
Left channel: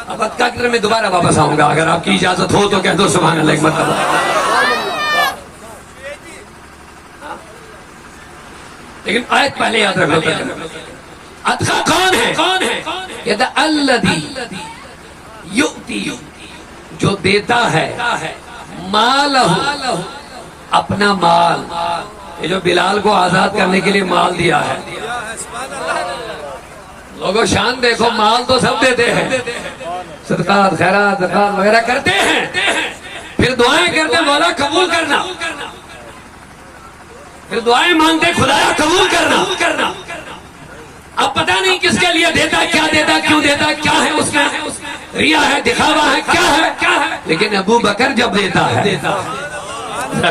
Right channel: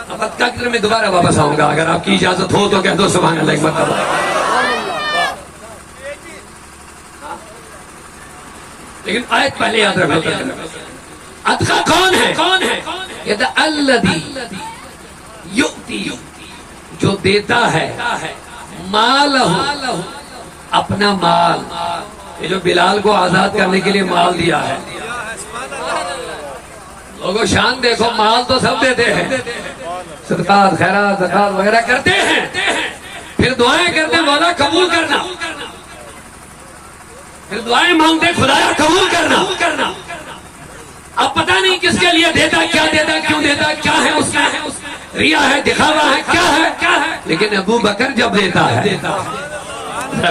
اب اتقا کی طرف میں دوبارہ واپس آؤں گا، اگر آپ کی اجازت ہو تو کہہ دو سبحان اللہ ایک مرتبہ. لیکن آیت پہلے یاد رکھو. اتقا کون ہے؟ الذی یؤتی، جو دیتا ہے مالہ، اپنا مال. یہ جو بلال کو آزاد کرنے کے لیے مال دیا ہے، لوگوں شان دیکھو، مال تو سب دیتے ہیں، صدقات خیرات زکات وغیرہ کرتے ہیں، پھر دعائیں کرتے مولا قبول کرنا، پھر دعائیں مانگتے خدایا قبول کرنا. اب پتہ نہیں کس کے لیے دیتا، کیا دیتا، کیوں دیتا، کیا ہے اس میں، ریا ہے، دکھاوا ہے، کیا ہے. لیکن ابو بکر جب دیتا ہے،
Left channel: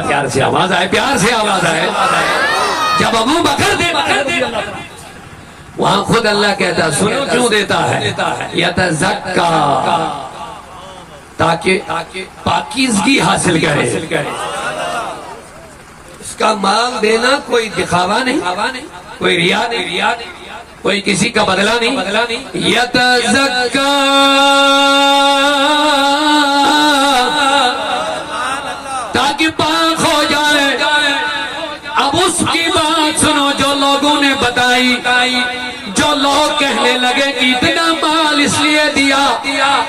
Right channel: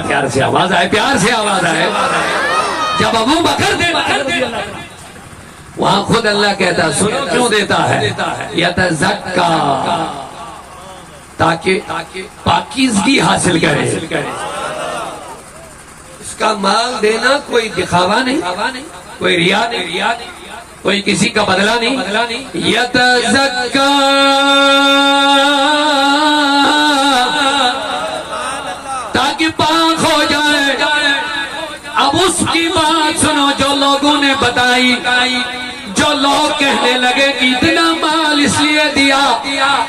پیار سے آواز آئے، پیار سے آواز آئے، جب ابو بکر دیتا ہے وہاں خود اللہ کہتا سنو کیوں دیتا ہے، یتزکا، تاکہ پاکیزگی حاصل کرے. اس کا مال دینا کوئی دکھاوا نہیں، کوئی ریا نہیں، کوئی کسی کا بدلہ نہیں. یتزکا، تاکہ پاک ہو جائے. اب اس کی بات سنو جو لوگوں نے بتائی، جو لوگ کہنے لگے کہ اتنا مال اس لیے دیا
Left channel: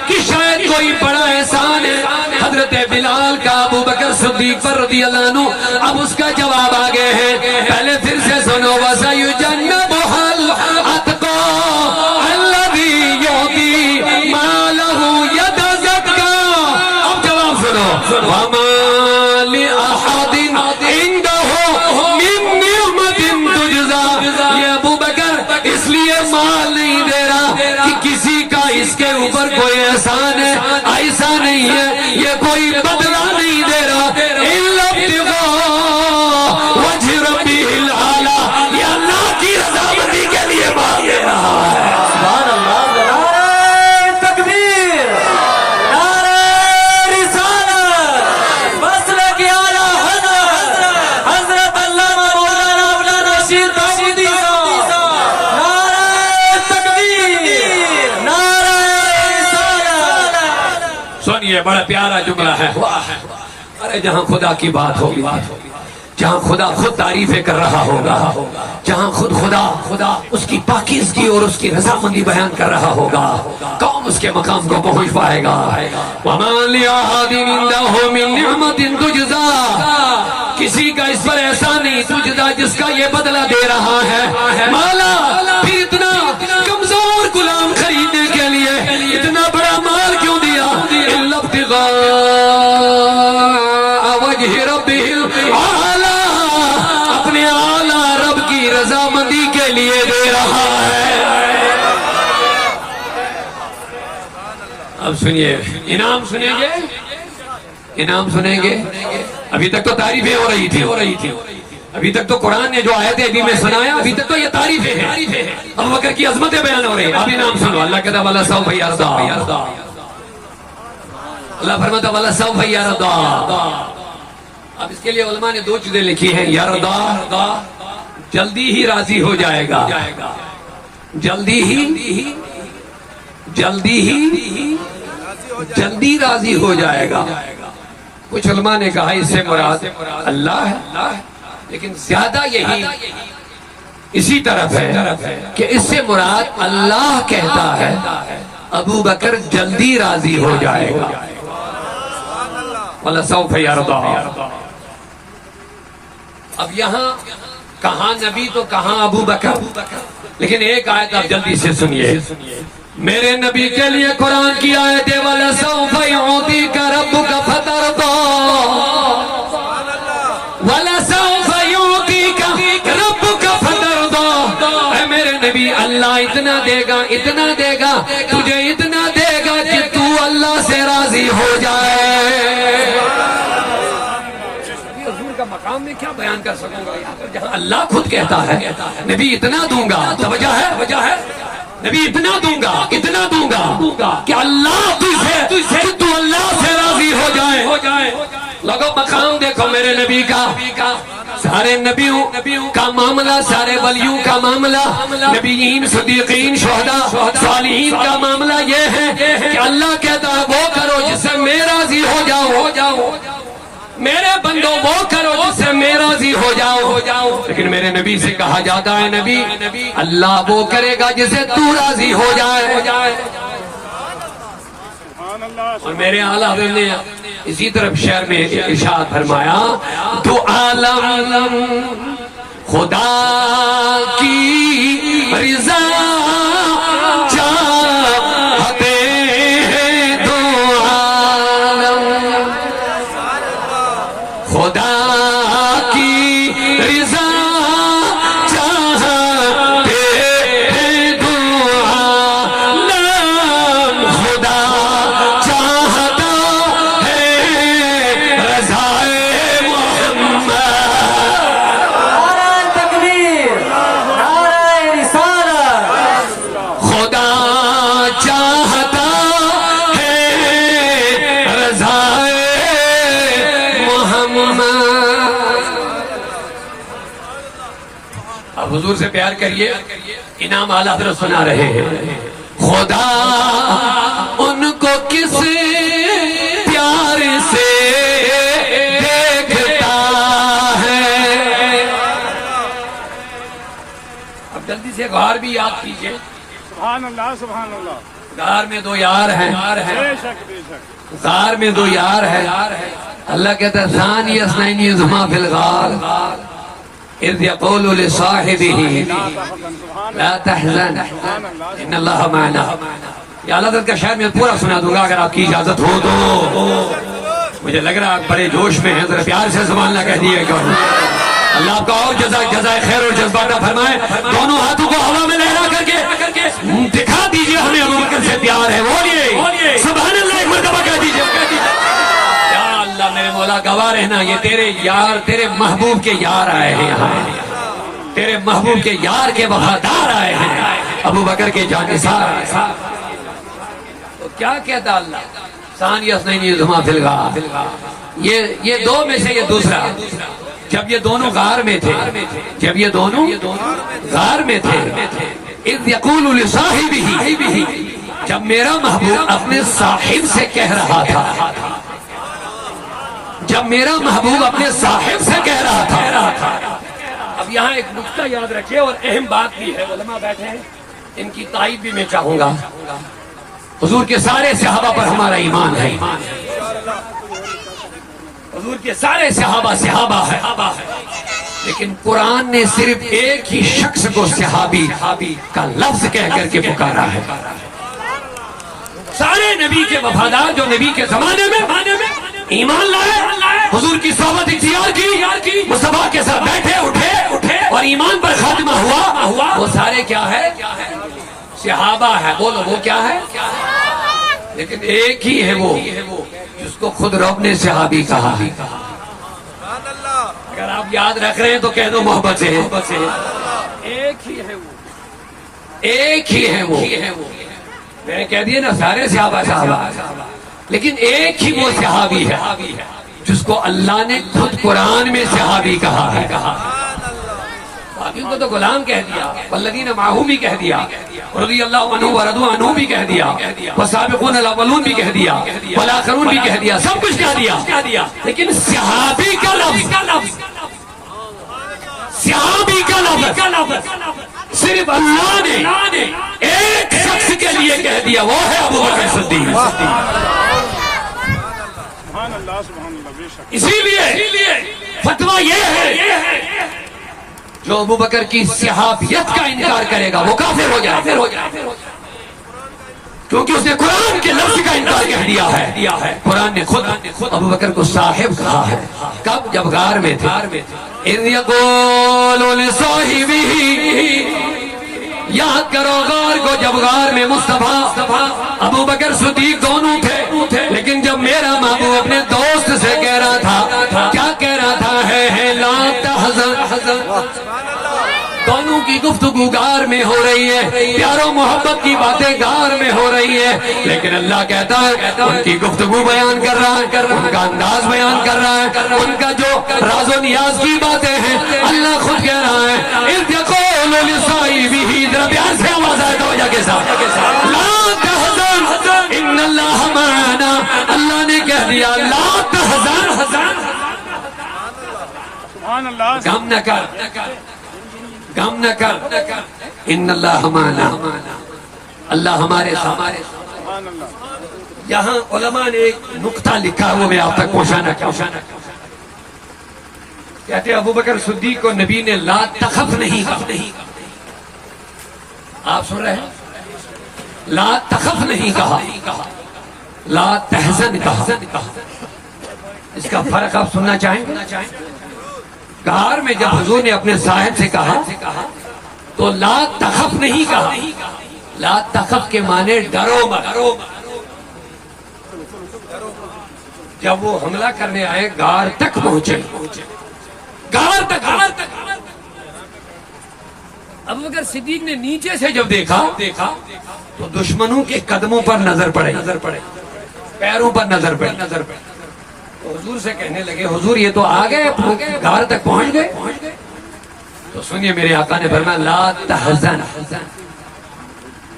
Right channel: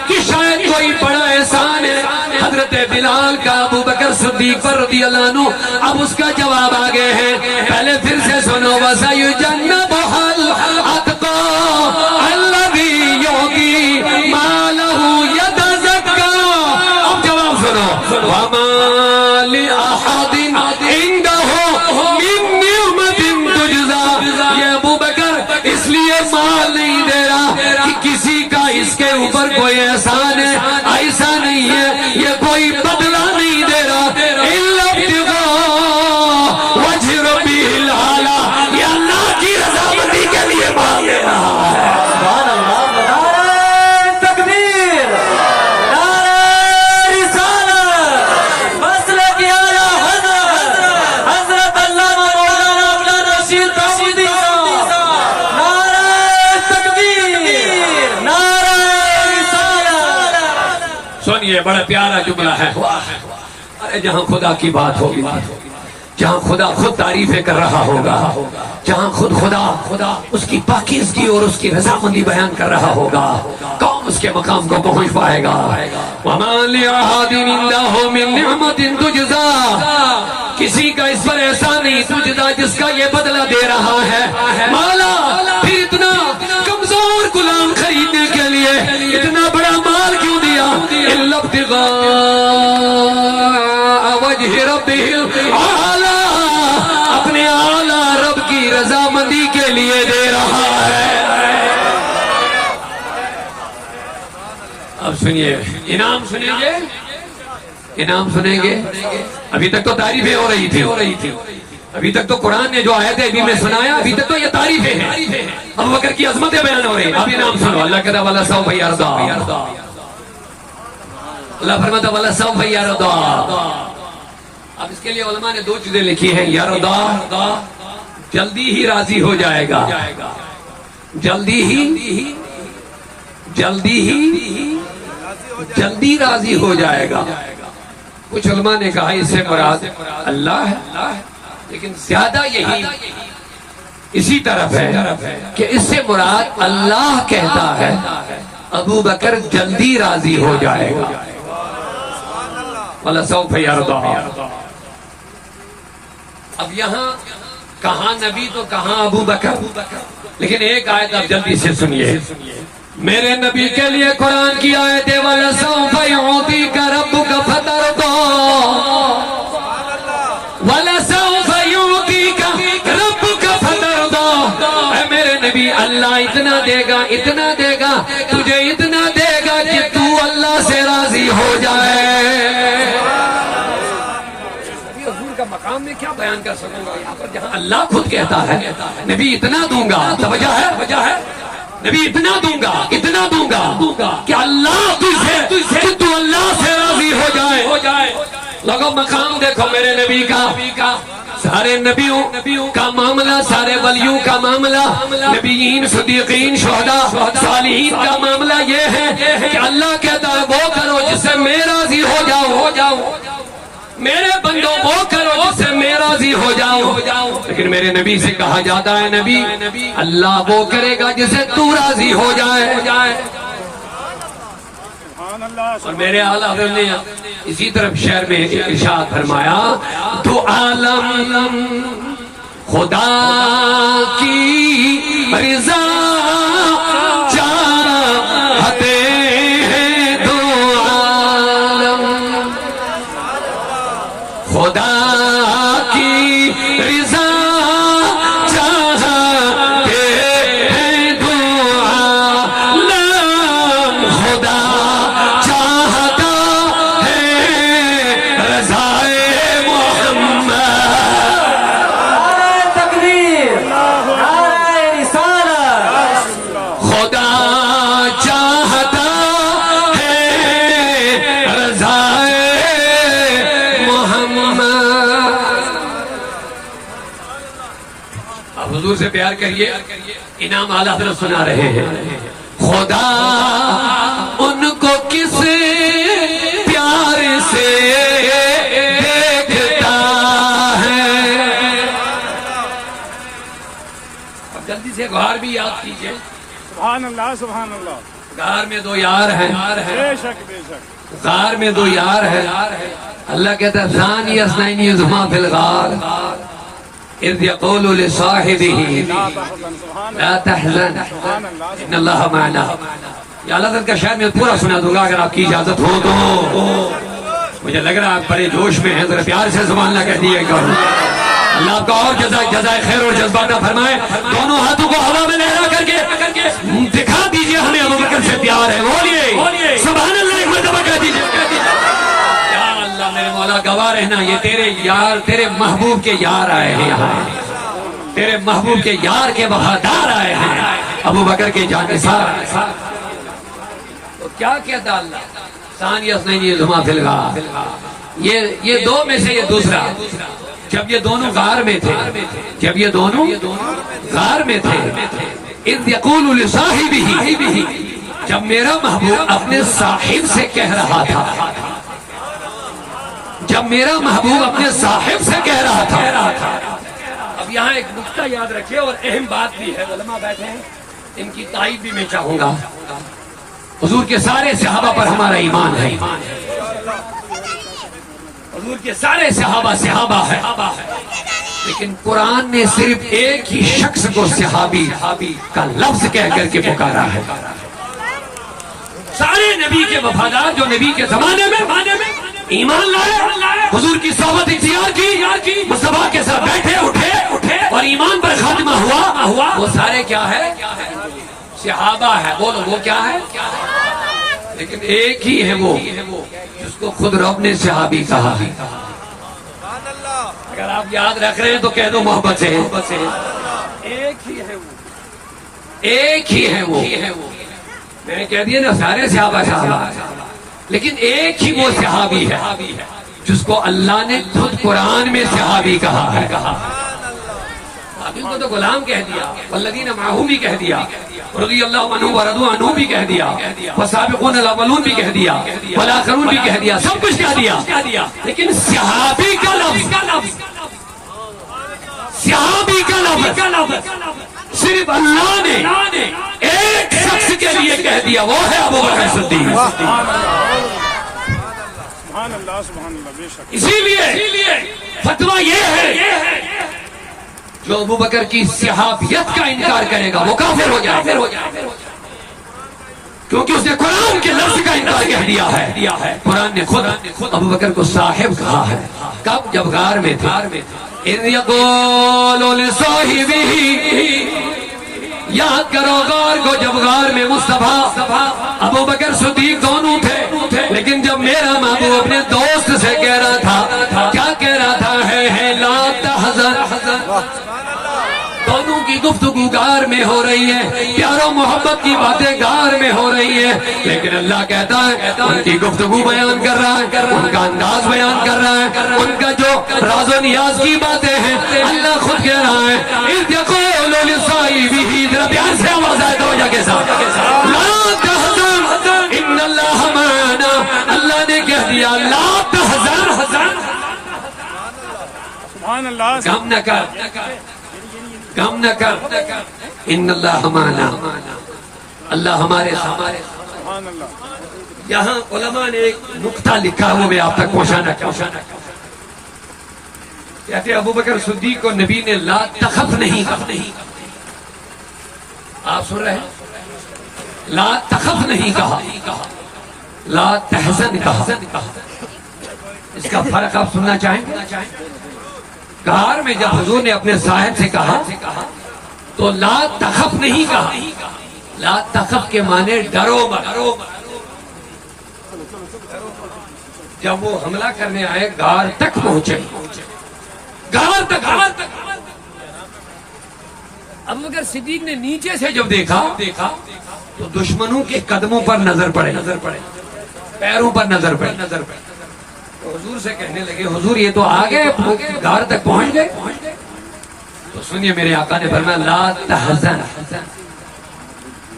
کہ شاید کوئی بڑا احسان ہے حضرت بلال کا ابو بکر صدیق پر رضی اللہ عنہ. اب اس کا جواب آگے ہے، پہلے پھر سے سنو. وَسَيُجَنَّبُهَا الْأَتْقَى الَّذِي يُؤْتِي مَالَهُ يَتَزَكَّى. اب جواب سنو. وَمَا لِأَحَدٍ عِندَهُ مِن نِعْمَةٍ تُجْزَى. یہ ابو بکر اس لیے مال نہیں دے رہا کہ کسی کا اس کے اوپر کوئی احسان ہے، ایسا نہیں ہے. یہ کوئی بدلہ نہیں دے رہا. إِلَّا ابْتِغَاءَ وَجْهِ رَبِّهِ الْأَعْلَىٰ، یہ اللہ کی رضامندی کے لیے مال دے رہا ہے. سبحان اللہ. نعرہ تکبیر، نعرہ رسالت، مسلک اعلیٰ حضرت علامہ مولانا عبدالرشید داؤدی صاحب. نعرہ تکبیر، نعرہ رسالت. سنیے بڑا پیارا جملہ ہے. ارے جہاں خدا کی بات ہوگی، جہاں خدا خود تعریفیں کر رہا ہوگا، جہاں خود خدا اس کی پاکیزگی اور اس کی رضامندی بیان کر رہا ہوگا، کون اس کے مقام کو پہنچ پائے گا؟ وَمَا لِأَحَدٍ عِندَهُ مِن نِعْمَةٍ تُجْزَى، کسی کا اس پر احسان نہیں تجزا جس کا یہ بدلہ دے رہا ہے. مولا پھر اتنا کمزور غلام خریدنے کے لیے اتنا بڑا مال کیوں دیا؟ إِلَّا ابْتِغَاءَ وَجْهِ رَبِّهِ الْأَعْلَىٰ، اپنے اعلیٰ رب کی رضامندی کے لیے دے رہا ہے. اب سنیے، انعام سنیں گے، انعام سنیں گے. ابھی تک تو تعریفیں ہو رہی تھی، ابھی تک تو قرآن نے جو آیتیں ابھی میں سنایا، ابھی تک تو یہ تعریفیں ہیں. ابو بکر کی عظمتیں بیان ہو رہی ہیں. اب انعام سنو. اللہ کہتا والا سوف یرضا، اللہ فرماتا والا سوف یرضا. اب اس کے لیے علماء نے دو چیزیں لکھی ہیں. یرضا، جلدی ہی راضی ہو جائے گا، جلدی راضی ہو جائے گا. کچھ علماء نے کہا اس سے مراد اللہ ہے، لیکن زیادہ یہی اسی طرف ہے کہ اس سے مراد اللہ کہتا ہے ابو بکر جلدی راضی ہو جائے گا. وَلَسَوْفَ يَرْضَىٰ. اب یہاں کہاں نبی تو کہاں ابو بکر، لیکن ایک آیت آپ جلدی سے سنیے. میرے نبی کے لیے قرآن کی آیت ہے وَلَسَوْفَ يُعْطِيكَ رَبُّكَ فَتَرْضَىٰ وَلَسَوْفَ يُعْطِيكَ رَبُّكَ فَتَرْضَىٰ اے میرے نبی اللہ اتنا دے گا تجھے اتنا دے گا کہ تو اللہ سے راضی ہو جائے. حضور کا مقام میں کیا بیان کر سکوں گا یہاں پر جہاں اللہ خود کہتا ہے نبی اتنا دوں گا. تو وجہ ہے نبی اتنا دوں گا کہ اللہ تجھے تو اللہ سے راضی ہو جائے. لوگوں مقام دیکھو میرے نبی کا. سارے نبیوں کا معاملہ, سارے ولیوں کا معاملہ, نبیین, صدیقین, شہداء, صالحین کا معاملہ یہ ہے کہ اللہ کہتا ہے وہ کرو جس سے میں راضی ہو جاؤں. میرے بندوں وہ کرو جس سے میں راضی ہو جاؤں. لیکن میرے نبی سے کہا جاتا ہے نبی اللہ وہ کرے گا جس سے تو راضی ہو جائے. اور میرے اعلیٰ حضرت نے اسی طرف شعر میں ارشاد فرمایا تو عالم خدا کی رضا چاہتے ہیں, تو عالم خدا کی رضا چاہتے ہیں, تو عالم خدا چاہتا ہے رضائے محمد. نعرہ تکبیر, نعرہ رسالت. خدا چاہتا ہے رضائے محمد. اب حضور سے پیار کریے, انعام اعلیٰ حضرت سنا رہے ہیں. خدا ان کو کس پیار سے دیکھتا ہے. اب جلدی سے غار بھی یاد کیجئے. سبحان اللہ, سبحان اللہ. غار میں دو یار ہیں, بے شک بے شک. غار میں دو یار ہیں. اللہ کہتا ہے ثانی اثنین اذ ہما فی الغار اذ یقول لصاحبہ لا تحزن ان اللہ معنا. یا اللہ تعالیٰ کا شاید میں پورا سنا دوں گا اگر آپ کی اجازت ہو تو. مجھے لگ رہا ہے آپ بڑے جوش میں ہیں, ذرا پیار سے سبحان اللہ کہہ دیے گا. اللہ آپ کا اور جزائے خیر اور جذبات نہ فرمائے. دونوں ہاتھوں کو ہوا میں لہرا کر کے دکھا دیجئے ہمیں ابو بکر سے پیار ہے. بولیے سبحان اللہ ایک مرتبہ کہہ دیجئے. یا اللہ میرے مولا گواہ رہنا یہ تیرے یار, تیرے محبوب کے یار آئے ہیں یہاں, تیرے محبوب کے یار کے وفادار آئے ہیں, ابو بکر کے جانثار آئے ہیں. تو کیا کہتا اللہ ثانی اثنین اذ ہما فی الغار. یہ دو میں سے یہ دوسرا. جب یہ دونوں غار میں تھے اذ یقول لصاحبہ, جب میرا محبوب اپنے صاحب سے کہہ رہا تھا, اب یہاں ایک نقطہ یاد رکھے اور اہم بات بھی ہے, علماء بیٹھے ہیں ان کی تائید بھی میں چاہوں گا. حضور کے سارے صحابہ پر ہمارا ایمان ہے, حضور کے سارے صحابہ ہے, لیکن قرآن نے صرف ایک ہی شخص کو صحابی کا لفظ کہہ کر کے پکارا ہے. سارے نبی کے وفادار جو نبی کے زمانے میں ایمان لائے, حضور کی صحبت اختیار کی, مصطفیٰ کے ساتھ بیٹھے اٹھے اور ایمان پر خاتمہ ہوا, وہ سارے کیا ہے صحابہ ہے. بولو وہ کیا ہے, لیکن ایک ہی ہے وہ جس کو خود رب نے صحابی کہا. اگر آپ یاد رکھ رہے ہیں تو کہہ دو محبت سے, ایک ہی ہے وہ. میں نے کہہ دیا نا سارے صحابہ, لیکن ایک ہی وہ صحابی ہے جس کو اللہ نے خود قرآن میں صحابی کہا ہے. صحابیوں کو تو غلام کہہ دیا, والذین معہ بھی کہہ دیا, رضی اللہ عنہ ورضوا عنہ بھی کہہ دیا, والسابقون الاولون بھی کہہ دیا, والآخرون بھی کہہ دیا, سب کچھ کہہ دیا. لیکن صحابی کا لفظ صرف اللہ نے ایک شخص کے لیے کہہ دیا, وہ ہے ابو بکر صدیق. اسی لیے فتویٰ یہ ہے جو ابو بکر کی صحابیت کا انکار کرے گا وہ کافر ہو جائے. کیونکہ اس نے قرآن کے لفظ کا انکار کہہ دیا ہے. قرآن نے خود ابو بکر کو صاحب کہا ہے. کب؟ جب غار میں تھے. اذ یقول لصاحبہ، یاد کرو غار کو، جب غار میں مصطفیٰ ابو بکر صدیق دونوں تھے، لیکن جب میرا محبوب اپنے دوست سے کہہ رہا تھا، کیا کہہ رہا تھا؟ ہے لا تحزن. دونوں کی گفتگو غار میں ہو رہی ہے، پیار و محبت کی باتیں غار میں ہو رہی ہے، لیکن اللہ کہتا ہے ان کی گفتگو بیان کر رہا ہے، ان کا انداز بیان کر رہا ہے، ان کا جو راز و نیاز کی باتیں ہیں اللہ خود کہہ رہا ہے. اذ یقول لصاحبہ، ذرا پیار سے آواز آئے توجہ کے ساتھ، لا تحزن ان اللہ معنا. اللہ نے کہہ دیا لا تحزن، سبحان اللہ. غم نہ کر، غم نہ کر، ان اللہ معنا، اللہ ہمارے ساتھ. سبحان اللہ. یہاں علماء نے ایک نقطہ لکھا وہ میں آپ تک پہنچانا چاہتا ہوں. کہتے ابو بکر صدیق کو نبی نے لا تخف نہیں کہا. آپ سن رہے ہیں؟ لا تخف نہیں کہا، لا تحزن کہا. اس کا فرق آپ سننا چاہیں گے؟ غار میں جب حضور نے اپنے صاحب سے کہا تو لا تخف نہیں کہا. لا تخف کے معنی ڈرو مت. جب وہ حملہ کرنے آئے غار تک پہنچے، غار تک. ابو بکر صدیق نے نیچے سے جب دیکھا تو دشمنوں کے قدموں پر نظر پڑے، پیروں پر نظر پڑے. تو حضور سے کہنے لگے حضور یہ تو آگے غار تک پہنچ گئے. تو سنیے میرے آقا نے فرمایا لا تحزن.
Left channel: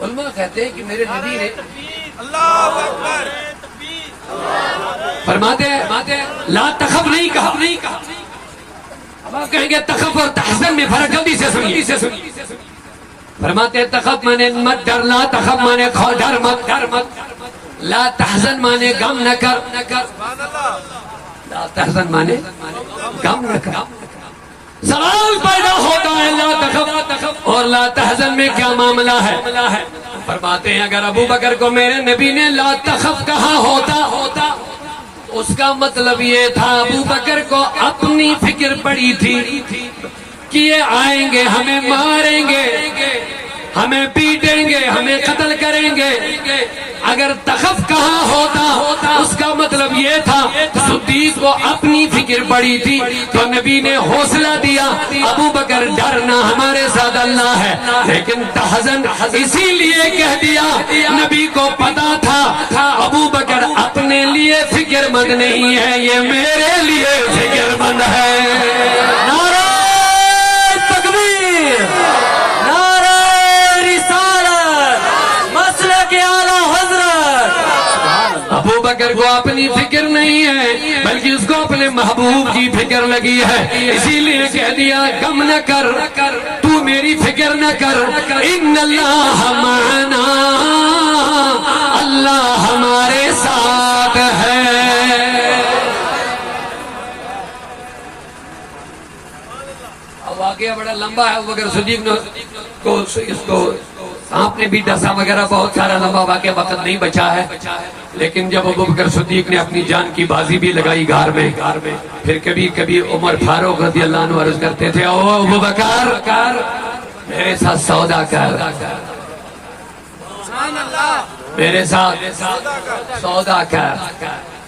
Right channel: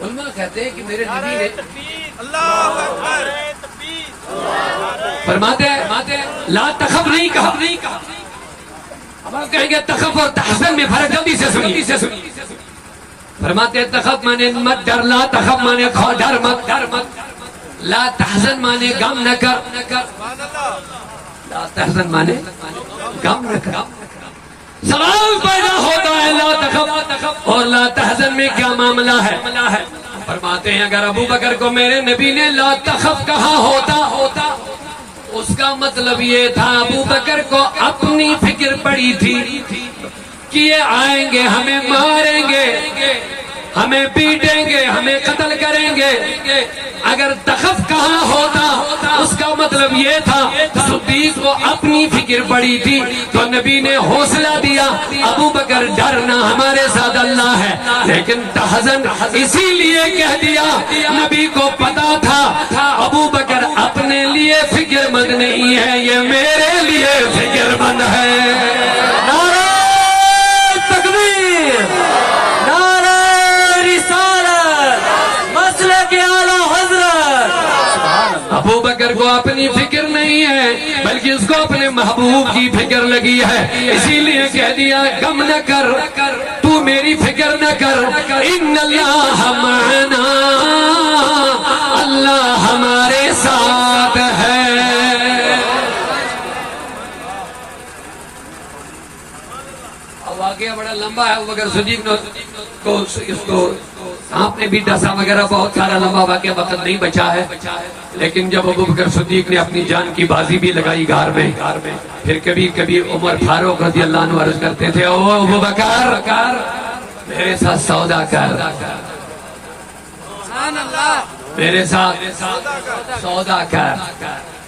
علماء کہتے ہیں کہ میرے نبی نے اللہ اکبر. فرماتے لا تخف نہیں کہا. اب آپ کہیں گے تخف اور تحزن میں فرق، جلدی سے سنیے. فرماتے تخف مانے مت ڈر، لا تخف مانے ڈر مت. لا تحزن مانے غم نہ کر. سبحان اللہ. لا تحزن مانے غم نہ کر. سوال پیدا ہوتا ہے لا تخف اور لا تحزن میں کیا معاملہ ہے؟ فرماتے ہیں اگر ابو بکر کو میرے نبی نے لا تخف کہا ہوتا اس کا مطلب یہ تھا ابو بکر کو اپنی فکر پڑی تھی کہ یہ آئیں گے، ہمیں ماریں گے، ہمیں پیٹیں گے، ہمیں قتل کریں گے. اگر تخف کہا ہوتا اس کا مطلب یہ تھا صدیق کو اپنی فکر پڑی تھی تو نبی نے حوصلہ دیا ابو بکر ڈرنا ہمارے ساتھ اللہ ہے. لیکن تحزن اسی لیے کہہ دیا نبی کو پتا تھا ابو بکر اپنے لیے فکر مند نہیں ہے، یہ میرے لیے فکر مند ہے. نعرہ تکبیر، نعرہ رسالت، مسلک اعلی حضرت. ابو بکر کو اپنی فکر نہیں ہے بلکہ اس کو اپنے محبوب کی فکر لگی ہے، اسی لیے کہہ دیا غم نہ کر، تو میری فکر نہ کر. ان اللہ معنا، اللہ ہمارے ساتھ ہے. اب واقعہ بڑا لمبا ہے. ابو بکر صدیق نے اس کو سانپ نے بھی ڈسا وغیرہ، بہت سارا لمبا واقعہ، وقت نہیں بچا ہے. لیکن جب ابو بکر صدیق نے اپنی جان کی بازی بھی لگائی غار میں، پھر کبھی کبھی عمر فاروق رضی اللہ عنہ عرض کرتے تھے او ابو بکر میرے ساتھ سودا کر، سبحان اللہ. میرے ساتھ سودا کر.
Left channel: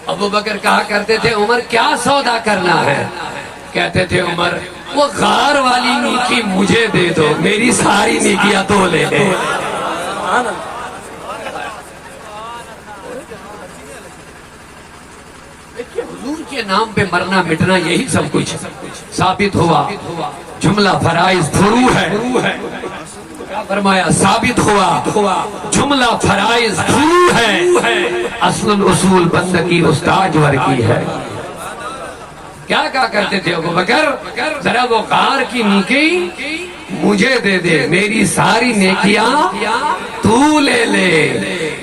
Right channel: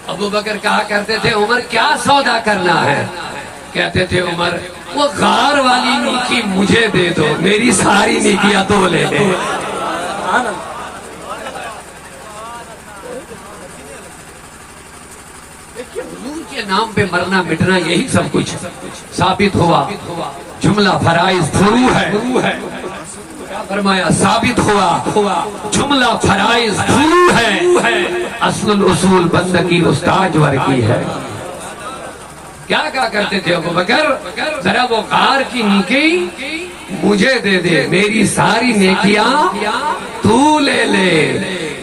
ابو بکر کہا کرتے تھے عمر کیا سودا کرنا ہے؟ کہتے تھے عمر وہ غار والی نیکی مجھے دے دو، میری ساری نیکیاں تو لے لے. حضور کے نام پہ مرنا مٹنا یہی سب کچھ ثابت ہوا. جملہ فرائض فرو ہے. کیا فرمایا؟ ثابت ہوا جملہ فرائض فرو ہے. اصل الاصول بندگی استاد ور کی ہے. کیا کہا کرتے تھے ابو بکر ذرا وہ غار کی نیکی مجھے دے دے، میری ساری نیکیاں تو لے لے.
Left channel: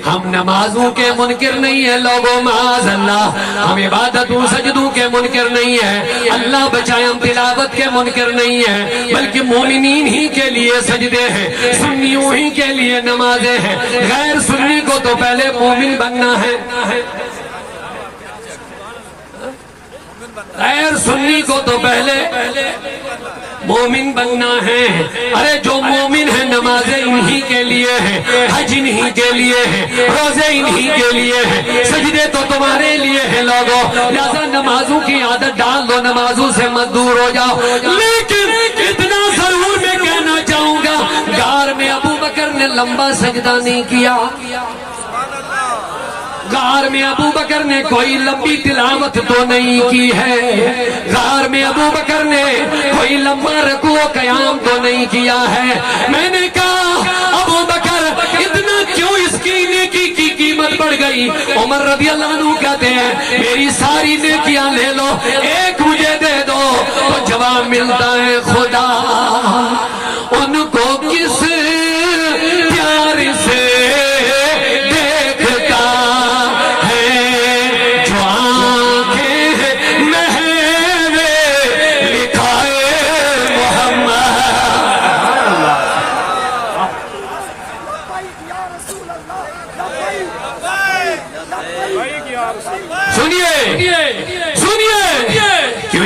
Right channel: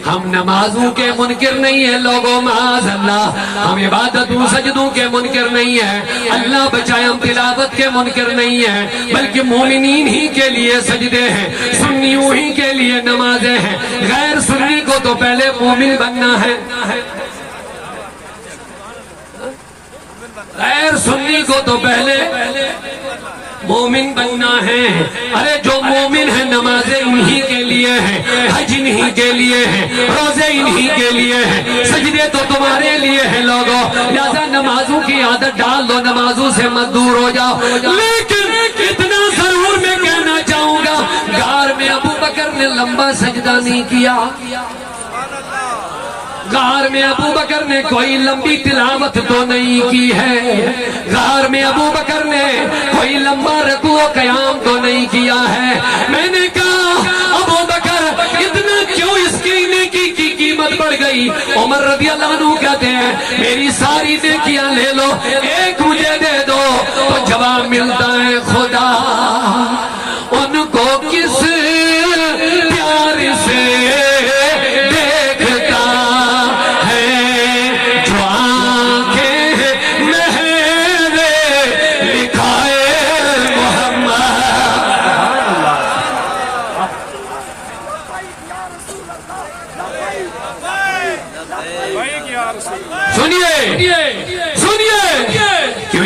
ہم نمازوں کے منکر نہیں ہیں لوگوں، معاذ اللہ. ہم عبادتوں سجدوں کے منکر نہیں ہیں، اللہ بچائے. ہم تلاوت کے منکر نہیں ہیں بلکہ مومنین ہی کے لیے سجدے ہیں، سنیوں ہی کے لیے نمازیں ہیں. غیر سنی کو تو پہلے مومن بننا ہے، غیر سنی کو تو پہلے مومن بننا ہے۔ ارے جو مومن ہے نمازیں انہی کے لیے ہیں، حج انہی کے لیے ہیں، روزے انہی کے لیے ہیں، سجدے تو تمہارے لیے ہیں لوگوں، لہذا نمازوں کی عادت ڈال دو، نمازوں سے مت دور ہو جاؤ۔ لیکن اتنا ضرور میں کہنا چاہوں گا، غار میں ابو بکر نے لمبا سجدہ نہیں کیا، غار میں ابو بکر نے کوئی لمبی تلاوت تو نہیں کی ہے، غار میں ابو بکر نے کوئی لمبا رکوع و قیام تو نہیں کیا ہے۔ میں نے کہا ابو بکر اتنا کیوں اس کی نیکی کی قیمت بڑھ گئی؟ عمر رضی اللہ عنہ کہتے ہیں میری ساری نیکیاں لے لو، ایک مجھے دے دو، تو جواب ملتا ہے خدا ان کو کس پیار سے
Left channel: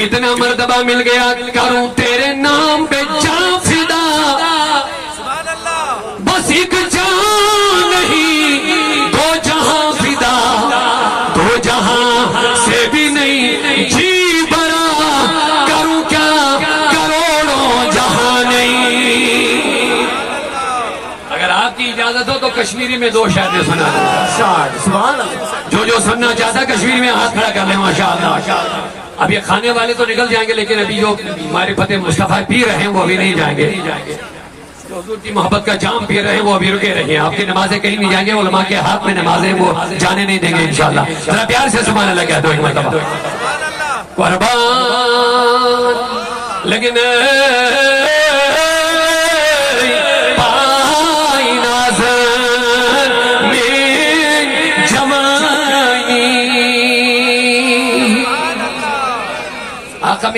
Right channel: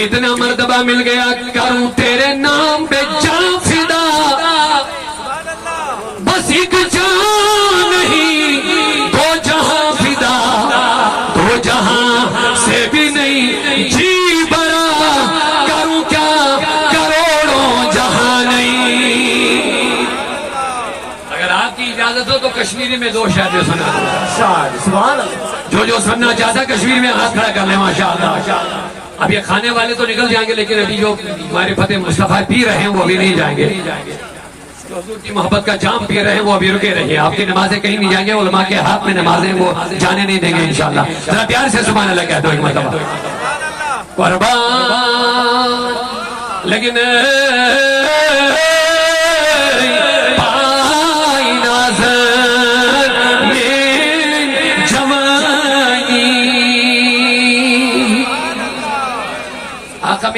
اتنا مرتبہ مل گیا، کروں تیرے نام پہ جان فدا، بس ایک جان نہیں دو جہاں فدا، دو جہاں سے بھی نہیں جی بڑا، کروں کیا کروڑوں جہاں نہیں۔ اگر آپ کی اجازت ہو تو کشمیری میں دو شاعری سنا دوں، جو سننا چاہتا کشمیر میں ہاتھ کھڑا کر لیں ماشاءاللہ۔ اب یہ کھانے والے تو نکل جائیں گے، لیکن ابھی جو ہمارے فتح مصطفیٰ پی رہے ہیں وہ بھی نہیں جائیں گے، جو حضور کی محبت کا جام پی رہے ہیں وہ ابھی رکے رہے ہیں۔ آپ کی نمازیں کہیں نہیں جائیں گے، علماء کے ہاتھ میں نمازیں وہ جانے نہیں دیں گے انشاءاللہ۔ ذرا پیار سے سبحان اللہ کہہ دو ایک مرتبہ۔ قربان لیکن میں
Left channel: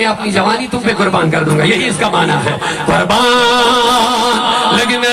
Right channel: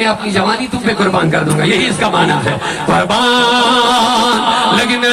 اپنی جوانی تم پہ قربان کر دوں گا، یہی اس کا معنی ہے قربان لیکن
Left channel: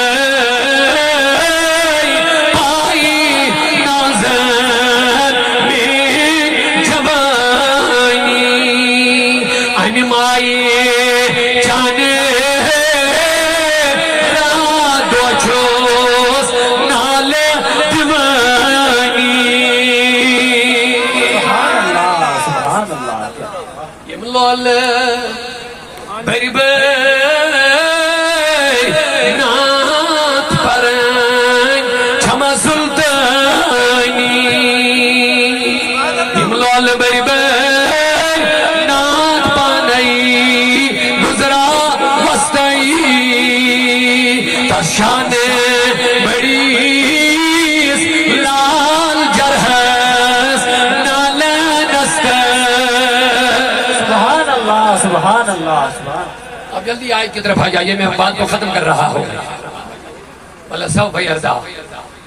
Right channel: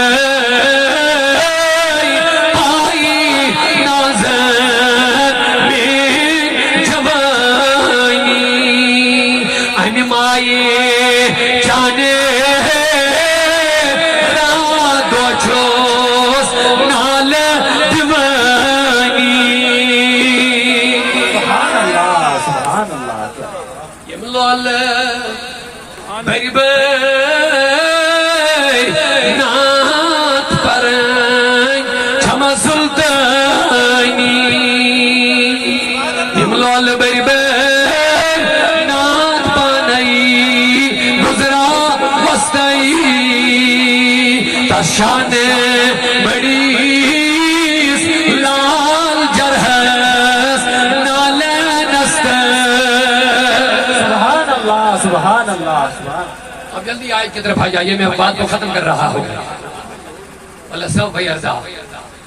اب جلدی آیت کی طرف آ جائیے، میں بات کو ختم کر رہا ہوں۔ اللہ سوف یرضا،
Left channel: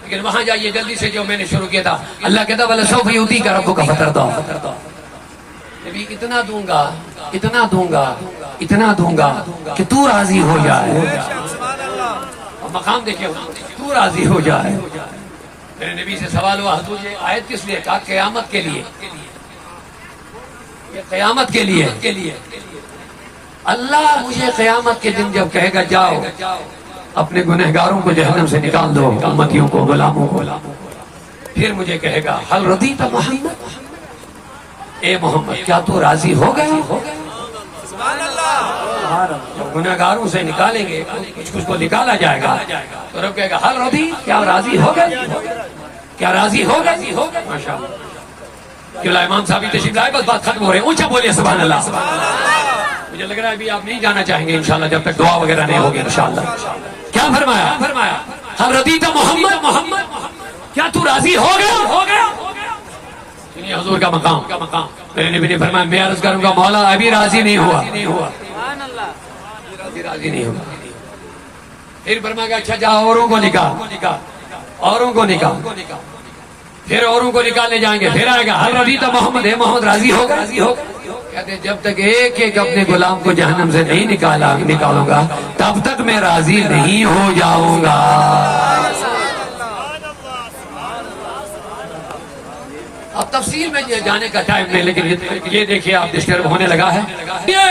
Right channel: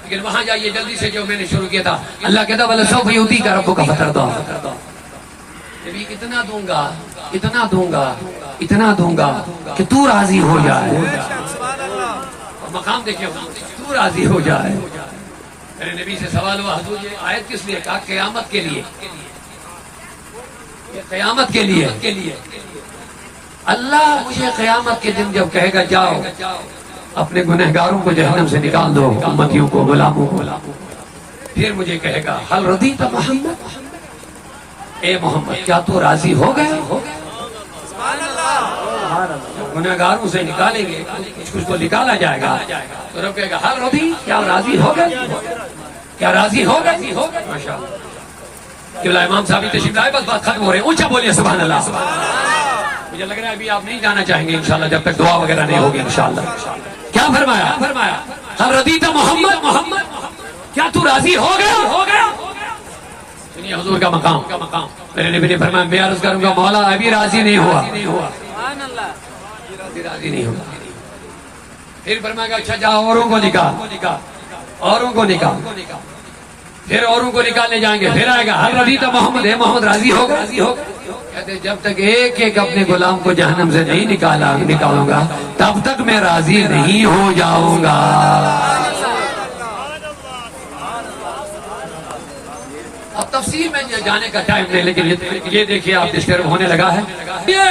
لیکن وہاں جائیے جلدی سے، جو میں نے شروع کیا تھا۔ اللہ کہتا بھلا سوف یؤتی کا رب کا فتر دو، نبی اتنا دوں گا، اتنا دوں گا، اتنا دوں گا کہ تو راضی ہو جائے۔ اور مقام دیکھیں تو راضی ہو جائے۔ میرے نبی سے سوال ہوا حضور یہ آیت کس لیے؟ کہا قیامت کے لیے، یہ قیامت کے لیے۔ اللہ مجھے قیامت کے دن جب کہے گا جاؤ اپنے گنہگاروں کو جہنم سے نکال دو، امتیوں کو، غلاموں کو، پھر مجھے کہے گا حل رضیت محمد، اے محمد کیا تو راضی ہو گیا؟ گنہگاروں سے نکالیں گے، کچھ کو نکالا جائے گا، تو رب کہے گا حل رضی، کیا راضی ہو گیا؟ کیا راضی ہو گیا؟ ماشاءاللہ۔ کیوں امام صاحب تشریف لائے، بس بات ختم ہو رہی ہے، اونچا بولیے سبحان اللہ۔ مجھے لگ رہا ہے ابھی آپ نہیں جانا چاہیں گے انشاءاللہ جب تک دعا وغیرہ نہیں ہوگی انشاءاللہ۔ کیا فرمایا؟ حل رضیت محمد، کیا تو راضی ہو گیا؟ سنیے حضور کا مقام، میرے نبی نے فرمایا میں عرض کروں گا مولا ابھی راضی نہیں ہوا، راضی نہیں ہوا۔ پھر فرمایا گا اچھا جا اوروں کو نکال، اوروں کو نکال، پھر اوروں کو نکالنے جائیں گے، پھر آئے گا حل رضیت محمد، ہے محمد راضی ہو گیا؟ کہتے جب تک ایک ایک اپنے غلام کو جہنم سے نہیں نکالوں گا تب تک میں راضی نہیں ہو جاؤں گا۔ تفصیل میں جانے کا ٹائم نہیں، لیکن یہ دیکھیے آپ ڈسٹرب ہونے لگا ہے. یہ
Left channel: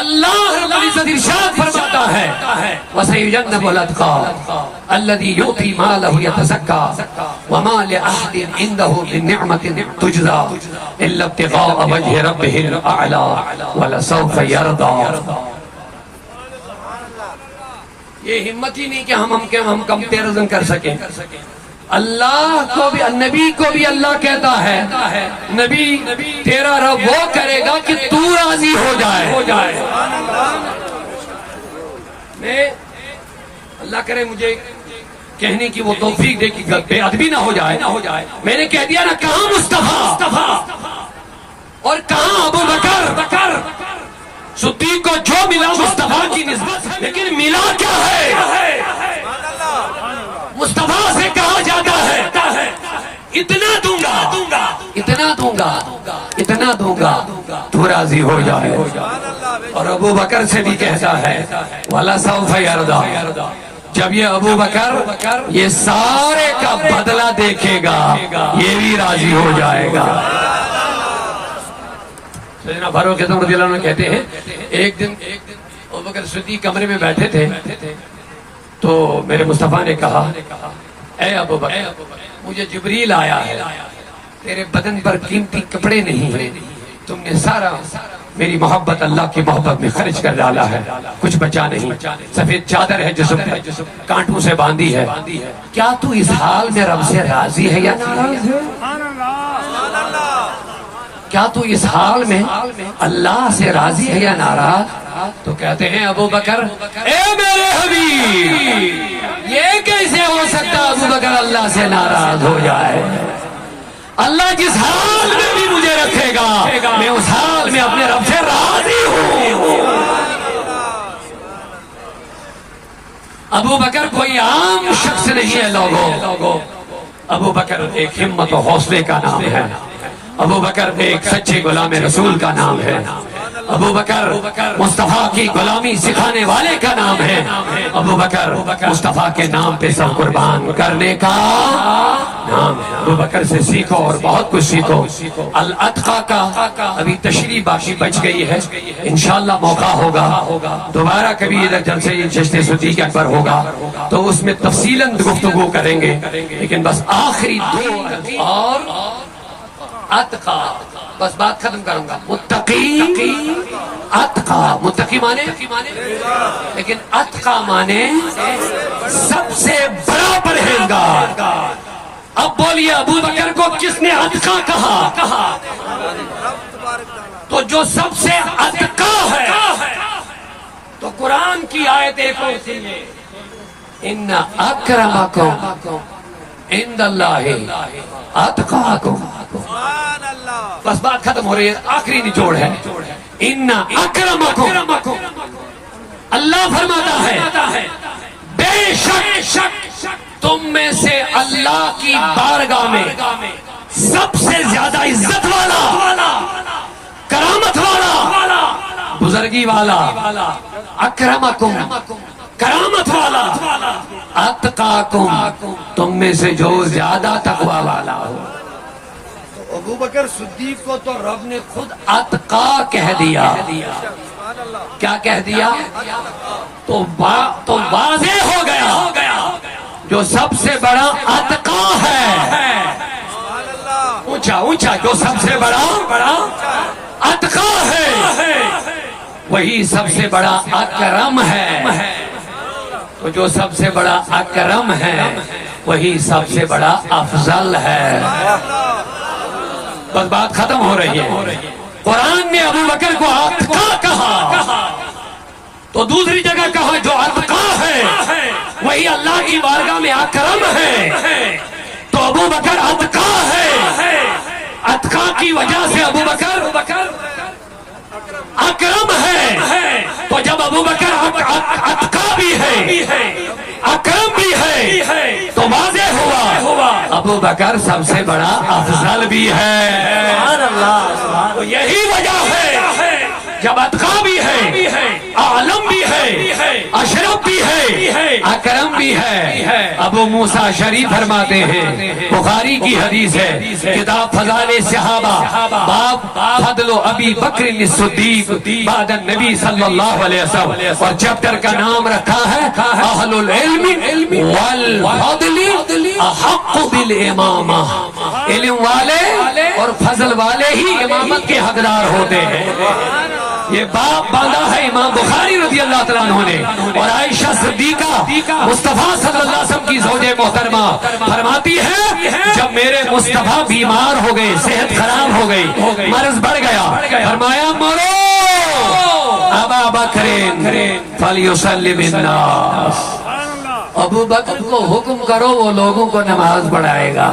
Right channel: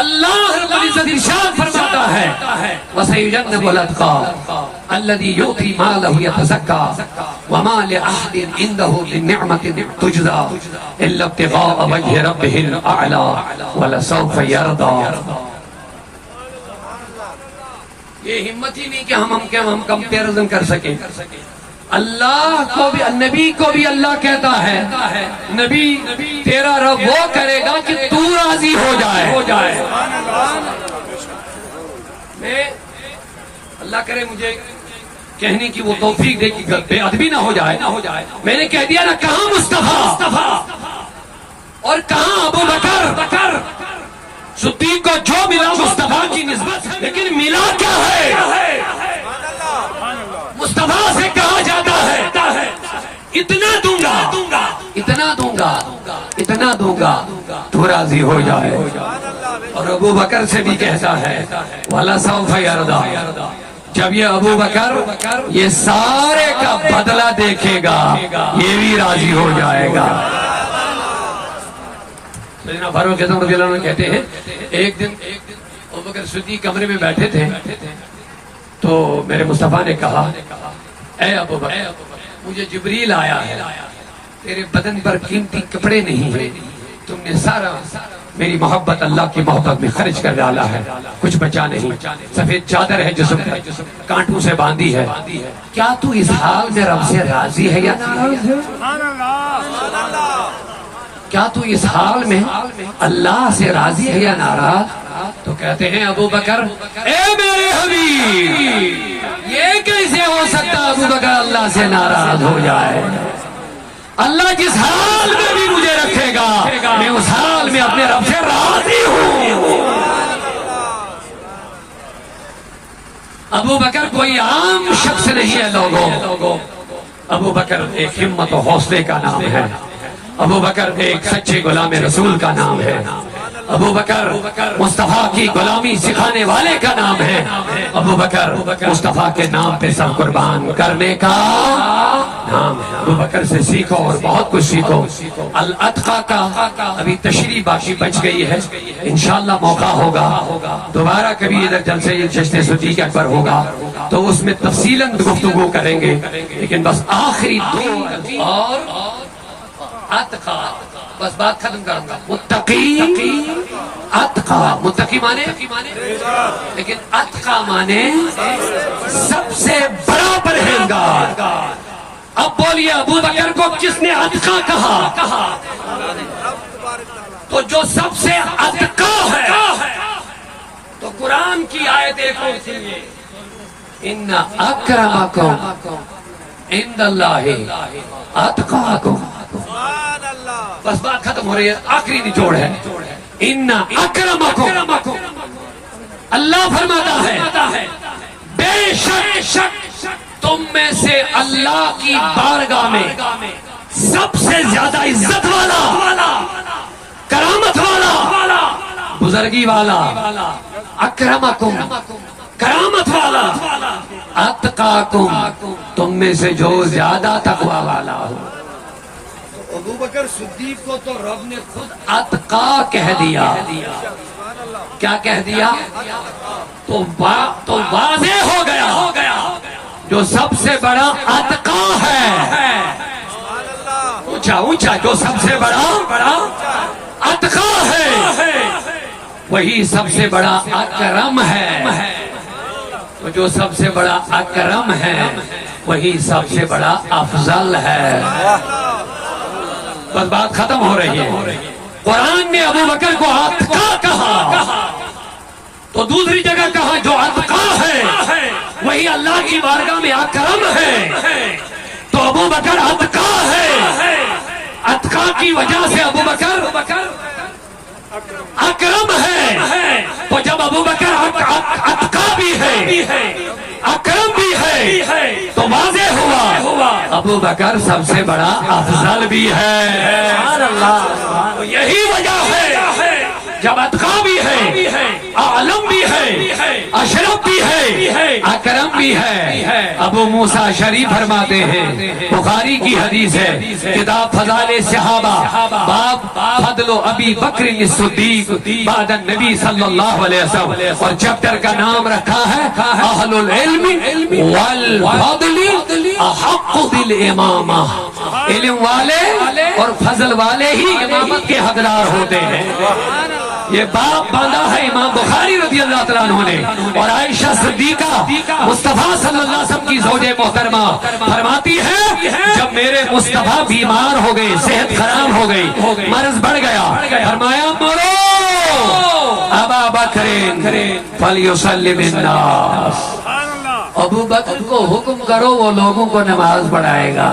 اللہ رب العزت ارشاد فرماتا ہے وَسَيُجَنَّبُ الْأَتْقَى الَّذِي يُؤْتِي مَالَهُ يَتَزَكَّى وَمَا لِأَحَدٍ عِندَهُ مِن نِّعْمَةٍ تُجْزَى إِلَّا ابْتِغَاءَ وَجْهِ رَبِّهِ الْأَعْلَى وَلَسَوْفَ يَرْضَى. یہ ہمت ہی نہیں کہ ہم کمپیرزن کر سکیں. اللہ کو بھی، نبی کو بھی اللہ کہتا ہے نبی تیرا رب وہ کرے گا کہ تو راضی ہو جائے. میں اللہ کرے مجھے کہنے کی وہ توفیق دے کہ بے ادبی نہ ہو جائے. میں نے کہہ دیا نا، کہاں مصطفیٰ اور کہاں ابو بکر. صدیق کو جو ملا مصطفیٰ کی نسبت، لیکن ملا کیا ہے؟ مصطفیٰ سے کہا جاتا ہے اتنا دوں گا اتنا دوں گا اتنا دوں گا تو راضی ہو جائے. اور ابو بکر سے بھی کہتا ہے وَلَسَوْفَ يَرْضَى. جب یہ ابو بکر یہ سارے کا بدلہ دیکھے گا یہ بھی راضی ہو جائے گا. سیدنا فاروق اعظم رضی اللہ عنہ کہتے ہیں ایک دن ابو بکر صدیق کمرے میں بیٹھے تھے تو میرے مصطفیٰ نے کہا اے ابو بکر مجھے جبریل آیا ہے، تیرے بدن پر قیمتی کپڑے نہیں ہیں، تم نے سارا میری محبت اللہ کی محبت میں خرچ کر ڈالا ہے، کچھ بچا نہیں. سفید چادر ہے جسم پر، کانٹوں سے باندھی ہے. کیا تو اس حال میں رب سے راضی ہے یا ناراض ہے؟ کیا تو اس حال میں اللہ سے راضی ہے یا ناراض؟ تو کہتے ہیں ابو بکر اے میرے حبیب یہ کیسے ہو سکتا ابو بکر اللہ سے ناراض ہو جائے؟ اللہ جس حال میں بھی مجھے رکھے گا میں اس حال میں اپنے رب سے راضی ہوں. ابو بکر کوئی عام شخص نہیں ہے لوگوں. ابو بکر ایک ہمت و حوصلے کا نام ہے. ابو بکر ایک سچے غلام رسول کا نام ہے. ابو بکر مصطفیٰ کی غلامی سکھانے والے کا نام ہے. ابو بکر مصطفیٰ کے نام پہ سب قربان کرنے کا نام ہے. ابو بکر سے سیکھو اور بہت کچھ سیکھو. الاتقا کا ابھی تشریح باقی بچ گئی ہے، انشاءاللہ موقع ہوگا دوبارہ کبھی ادھر جلسے جشن صدیق اکبر ہوگا تو اس میں تفصیلاً گفتگو کریں گے. لیکن بس آخری دو اور اتقا بس بات ختم کروں گا. متقی اتقا، متقی مانے لیکن اتقا مانے سب سے بڑا پرہیزگار. اب بولیے ابو بکر کو کس نے اتقا کہا؟ تو جو سب سے اتقا ہے تو قرآن کی آیت ایک اور سنیے ان اکرمکم عند اللہ اتقاکم. بس بات ختم ہو رہی ہے، آخری نچوڑ ہے ان اکرمکم. اللہ فرماتا ہے بے شک تم میں سے اللہ کی بارگاہ میں سب سے زیادہ عزت والا، کرامت والا، بزرگی والا، اکرمکم کرامت والا، اتقاکم تم میں سے جو زیادہ تقوی والا ہو. ابو بکر صدیق کو تو رب نے خود اتقا کہہ دیا. کیا کہہ دیا؟ تو واضح ہو گیا جو سب سے بڑا اتقا ہے. اونچا اونچا جو سب سے بڑا اتقا ہے وہی سب سے بڑا اکرم ہے. جو سب سے بڑا اکرم ہے وہی سب سے بڑا افضل ہے. بس بات ختم ہو رہی ہے. قرآن نے ابو بکر کو اتقا کہا تو دوسری جگہ کہا جو اتقا ہے وہی اللہ کی بارگاہ میں اکرم ہے. تو ابو بکر اتقا ہے، اتقا کی وجہ سے ابو بکر اکرم ہے. تو جب ابو بکر اتقا بھی ہے اکرم بھی ہے تو واضح ہوا ابو بکر سب سے بڑا افضل بھی ہے. یہی وجہ ہے جب اتقا بھی ہے، عالم بھی ہے، اشرف بھی ہے، اکرم بھی بھی ہے. ابو موسیٰ شریف فرماتے ہیں, بخاری کی حدیث ہے, کتاب فضائل صحابہ, باب فضل ابی بکر الصدیق بعد النبی صلی اللہ علیہ وسلم, اور چیپٹر کا نام رکھا ہے اہل العلم والفضل احق بالامامہ. علم والے اور فضل والے ہی امامت کے حقدار ہوتے ہیں. یہ باب باندھا ہے امام بخاری رضی اللہ تعالیٰ عنہ نے. اور عائشہ صدیقہ مصطفیٰ صلی اللہ علیہ وسلم کی زوجہ محترمہ فرماتی ہے, جب میرے مصطفیٰ بیمار ہو گئے, صحت خراب ہو گئی, مرض بڑھ گیا, فرمایا مرو ابا بکر فلیسلم الناس. ابو بکر کو حکم کرو وہ لوگوں کو نماز پڑھائے گا.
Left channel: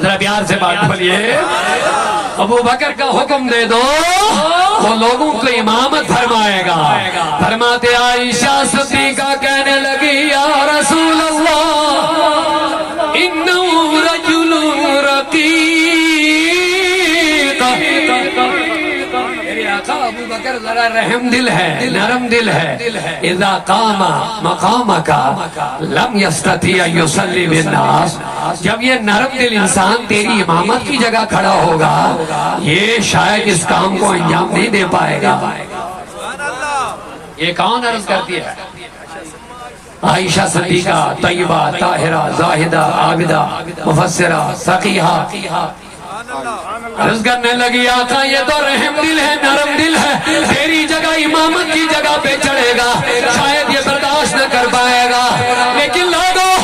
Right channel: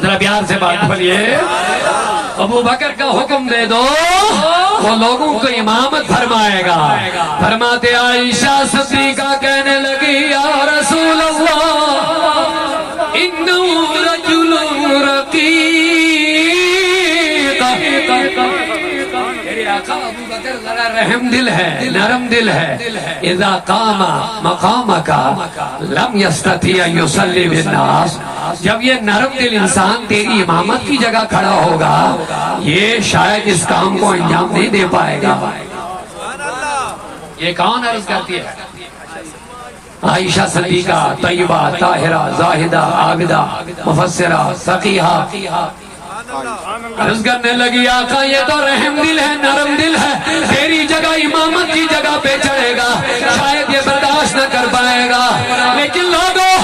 ذرا پیار سے بات بولیے. ابو بکر کا حکم دے دو وہ لوگوں کو امامت فرمائے گا. فرماتے عائشہ صدیقہ کہنے لگی, یا رسول اللہ انہ رجل رقیق. میرے آقا ابو بکر ذرا رحم دل ہے, نرم دل ہے. اذا قام مقامک لم یستطیع ان یصلی بالناس. جب یہ نرم دل انسان تیری امامت کی جگہ کھڑا ہوگا, یہ شاید اس کام کو انجام نہیں دے پائے گا. یہ کون عرض کرتی ہے؟ عائشہ صدیقہ طیبہ طاہرہ زاہدہ عابدہ مفسرہ فقیہہ عرض کرنے لگی, آقا یہ تو رحم دل ہے, نرم دل ہے, تیری جگہ امامت کی جگہ پہ چڑھے گا, شاید یہ برداشت نہ کر پائے گا. لیکن لوگوں,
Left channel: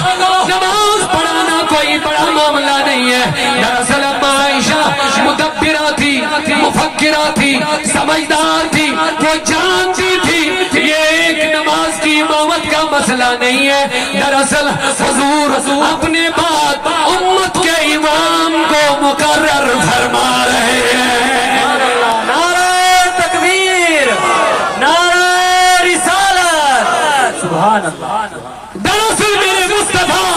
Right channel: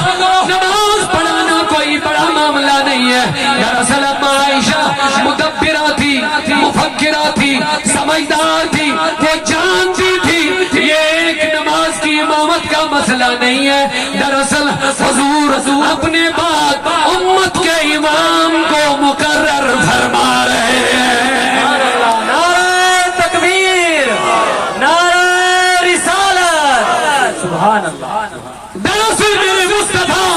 نماز پڑھانا کوئی بڑا معاملہ نہیں ہے. دراصل عائشہ مدبرہ تھی, مفکرہ تھی, سمجھدار تھی, وہ جانتی تھی یہ ایک نماز کی امامت کا مسئلہ نہیں ہے. دراصل حضور اپنے بعد امت کے امام کو مقرر فرما رہے ہیں. نعرہ تکبیر, نعرہ رسالت, سبحان اللہ. دراصل میرے مصطفیٰ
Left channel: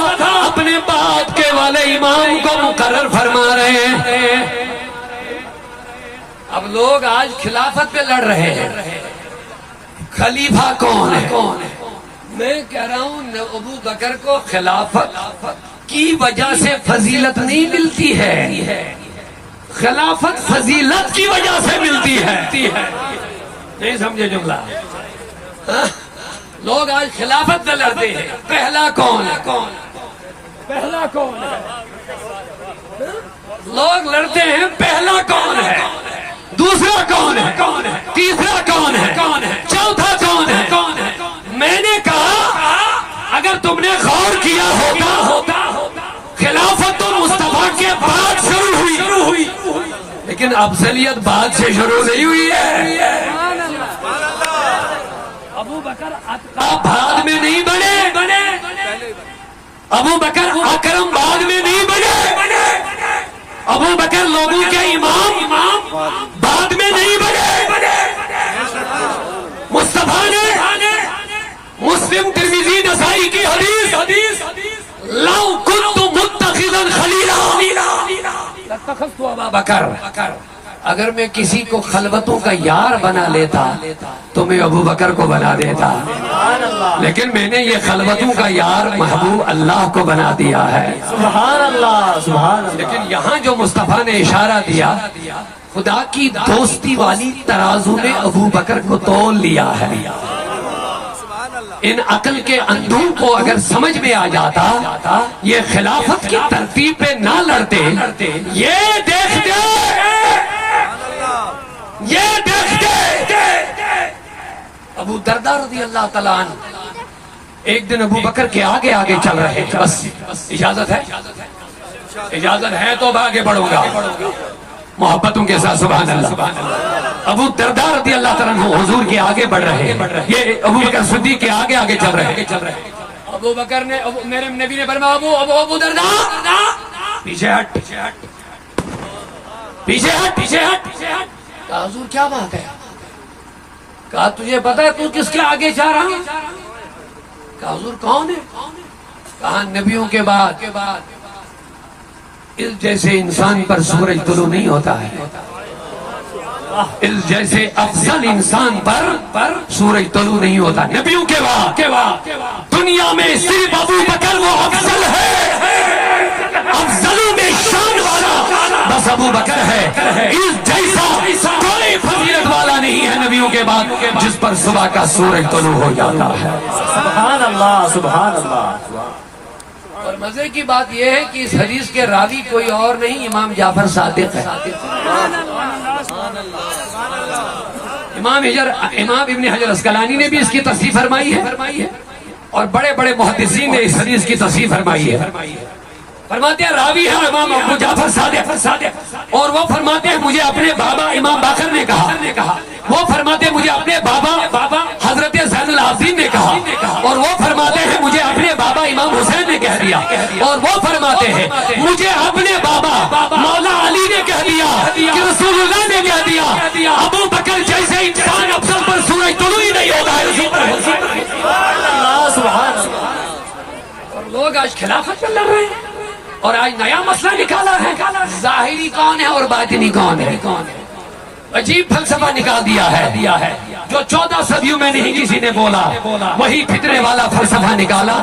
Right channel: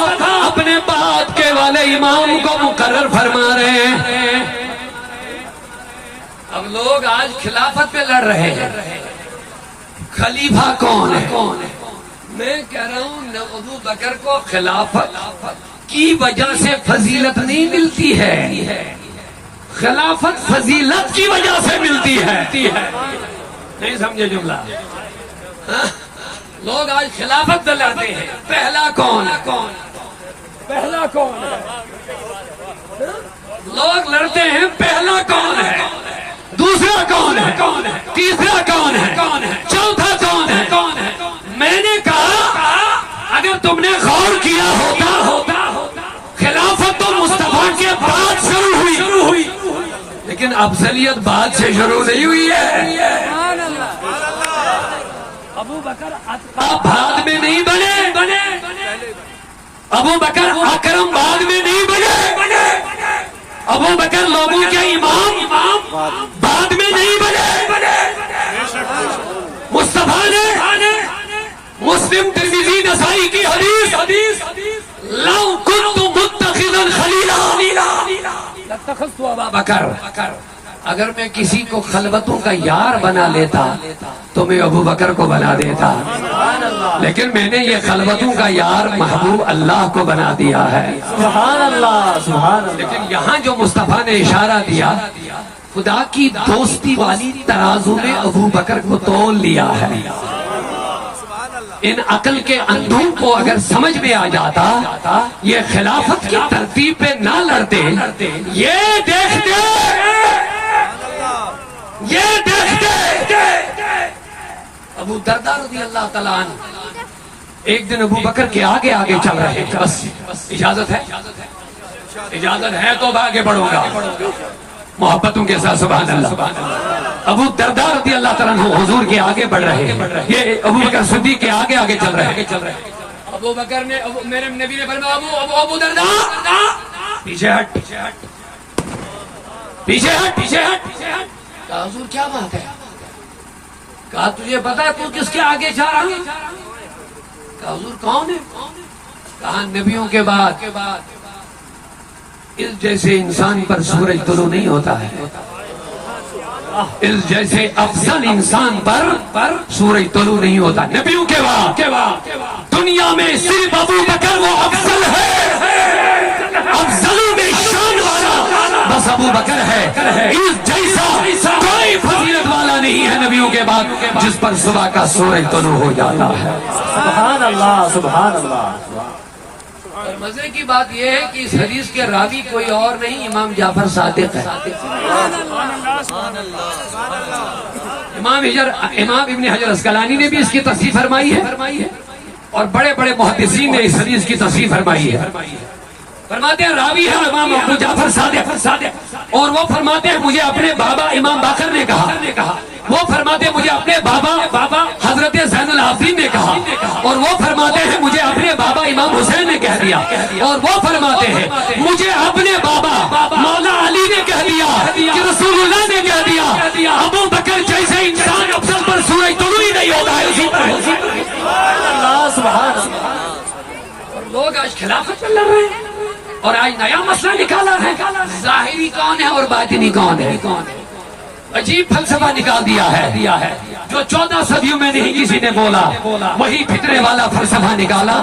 اپنے بعد کے والے امام کو مقرر فرما رہے ہیں. اب لوگ آج خلافت پہ لڑ رہے ہیں, خلیفہ کون ہے؟ میں کہہ رہا ہوں ابو بکر کو خلافت کی وجہ سے فضیلت نہیں ملتی ہے, خلافت فضیلت کی وجہ سے ملتی ہے. نہیں سمجھے جملہ؟ لوگ آج خلافت پہ لڑتے ہیں. پہلا کون ہے؟ پہلا کون ہے؟ لوگ لڑتے ہیں پہلا کون ہے, دوسرا کون ہے, تیسرا کون ہے, چوتھا کون ہے. میں نے کہا اگر تم نے غور کیا ہوتا خلافت تو مصطفیٰ کے بعد شروع ہوئی, لیکن افضلیت بعد سے شروع نہیں ہوئی ہے. ابو بکر اتقا بعد میں نہیں بنے, ابو بکر اکرم بعد میں نہیں بنے, ابو بکر لوگوں کے امام بعد میں نہیں بنے. مصطفیٰ نے مسلم ترمذی نسائی کی حدیث لو كنت متخذا خلیلا لاتخذت ابا بکر, اگر میں کسی کو خلوتوں کا یار بنا لیتا تو میں ابو بکر کو بنا دیتا, لیکن میں نے یہ خلوتوں کا یار محبوب اللہ کو بنا دیا ہے. سبحان اللہ, سبحان اللہ. لیکن یہاں جو مصطفیٰ نے اشارہ دیا, خدا کی دوستی والی ترازو میں ابو بکر کو تول لیا ہے. ان عقل کے اندھوں کو اگر سمجھ میں آ جاتا, یہ خلافت کی ترتیب پہ نہ لڑتے, یہ دیکھتے ابو دردہ رضی اللہ تعالیٰ عنہ ایک دن ابو بکر کے آگے آگے چل رہے تھے. بس اجازت ہے تو اب آگے بڑھوں گا محبتوں کے ساتھ. سبحان اللہ. ابو دردہ رضی اللہ تعالیٰ عنہ حضور کے آگے بڑھ رہے ہیں, یہ ابو بکر صدیق کے آگے آگے چل رہے ہیں. ابو بکر نے میرے نبی نے فرمایا ابو دردہ پیچھے ہٹ, پیچھے ہٹ. کہا حضور کیا بات ہے؟ کہا تجھے پتا ہے تو کس کے آگے جا رہا ہوں؟ کہا حضور کون ہے؟ کہا نبیوں کے بعد اس جیسے انسان پر سورج طلوع نہیں ہوتا ہے. اس جیسے افضل انسان پر سورج طلوع نہیں ہوتا نبیوں کے بعد دنیا میں صرف ابو بکر وہ افضل ہے، افضلوں میں شان والا بس ابو بکر ہے، اس جیسا کوئی فضیلت والا نہیں ہے نبیوں کے بعد جس پر صبح کا سورج طلوع ہو جاتا ہے۔ سبحان اللہ سبحان اللہ۔ اور مزے کی بات یہ ہے کہ اس حدیث کے راوی کوئی اور نہیں، امام جعفر صادق ہے۔ امام ابن حجر اسقلانی نے بھی اس کی تصحیح فرمائی ہے اور بڑے بڑے محدثین نے اس حدیث کی تصحیح فرمائی ہے۔ فرماتے ہیں راوی ہے امام ابو جعفر صادق، اور وہ فرماتے ہیں مجھے اپنے بابا امام باقر نے کہا، وہ فرماتے ہیں مجھے اپنے بابا حضرت زین العابدین نے کہا، اور وہ فرماتے ہیں مجھے اپنے بابا امام حسین نے کہہ دیا، اور وہ فرماتے ہیں مجھے اپنے بابا مولا علی نے کہہ دیا کہ رسول اللہ نے کہہ دیا ابو بکر جیسے انسان افضل پر سورج طلوع ہی نہیں ہوتا ہے اسی پر۔ سبحان اللہ۔ اور لوگ آج خلافت میں لڑ رہے ہیں اور آج نیا مسئلہ نکالا ہے، ظاہری کون ہے اور باطنی کون ہے۔ عجیب فلسفہ نکال دیا ہے جو 14 صدیوں میں نہیں کسی نے بولا، وہی فتنے والا فلسفہ نکالا۔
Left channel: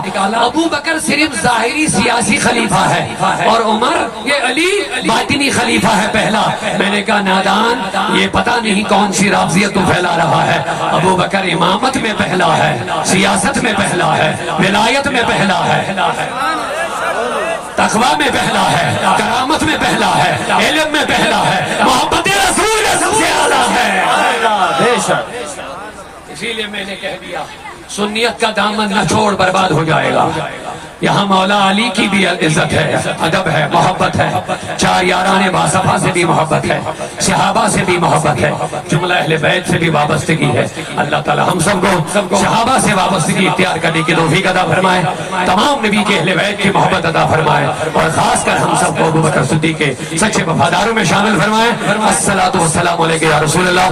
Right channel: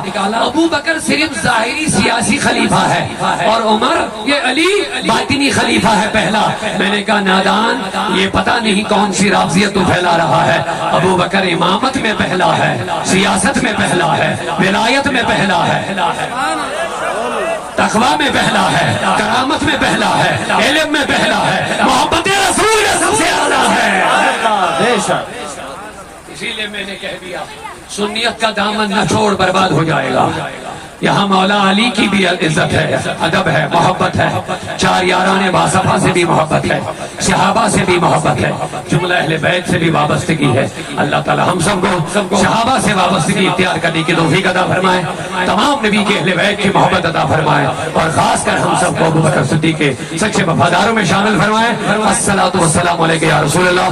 ابو بکر صرف ظاہری سیاسی خلیفہ ہے اور عمر یہ علی باطنی خلیفہ ہے پہلا۔ میں نے کہا نادان، یہ پتہ نہیں کون سی رافضیت تو پھیلا رہا ہے۔ ابو بکر امامت میں پہلا ہے، سیاست میں پہلا ہے، ولایت میں پہلا ہے، تقویٰ میں پہلا ہے، کرامت میں پہلا ہے، علم میں پہلا ہے، محبت رسول میں سب سے اعلیٰ ہے۔ بے شک۔ اسی لیے میں نے کہہ دیا سنیت کا دامن نہ چھوڑ، برباد ہو جائے گا۔ یہاں مولا علی کی بھی عزت ہے، ادب ہے، محبت ہے، چار یاران باصفا سے بھی محبت ہے، صحابہ سے بھی محبت ہے، جملہ اہل بیت سے بھی وابستگی ہے۔ اللہ تعالی ہم سب کو صحابہ سے وابستگی اختیار کرنے کی توفیق عطا فرمائے، تمام نبی کے اہل بیت کی محبت عطا فرمائے، اور خاص کر ہم سب کو ابو بکر صدیق کے سچے وفاداروں میں شامل فرمائے۔ الصلاۃ والسلام علیک یا رسول اللہ۔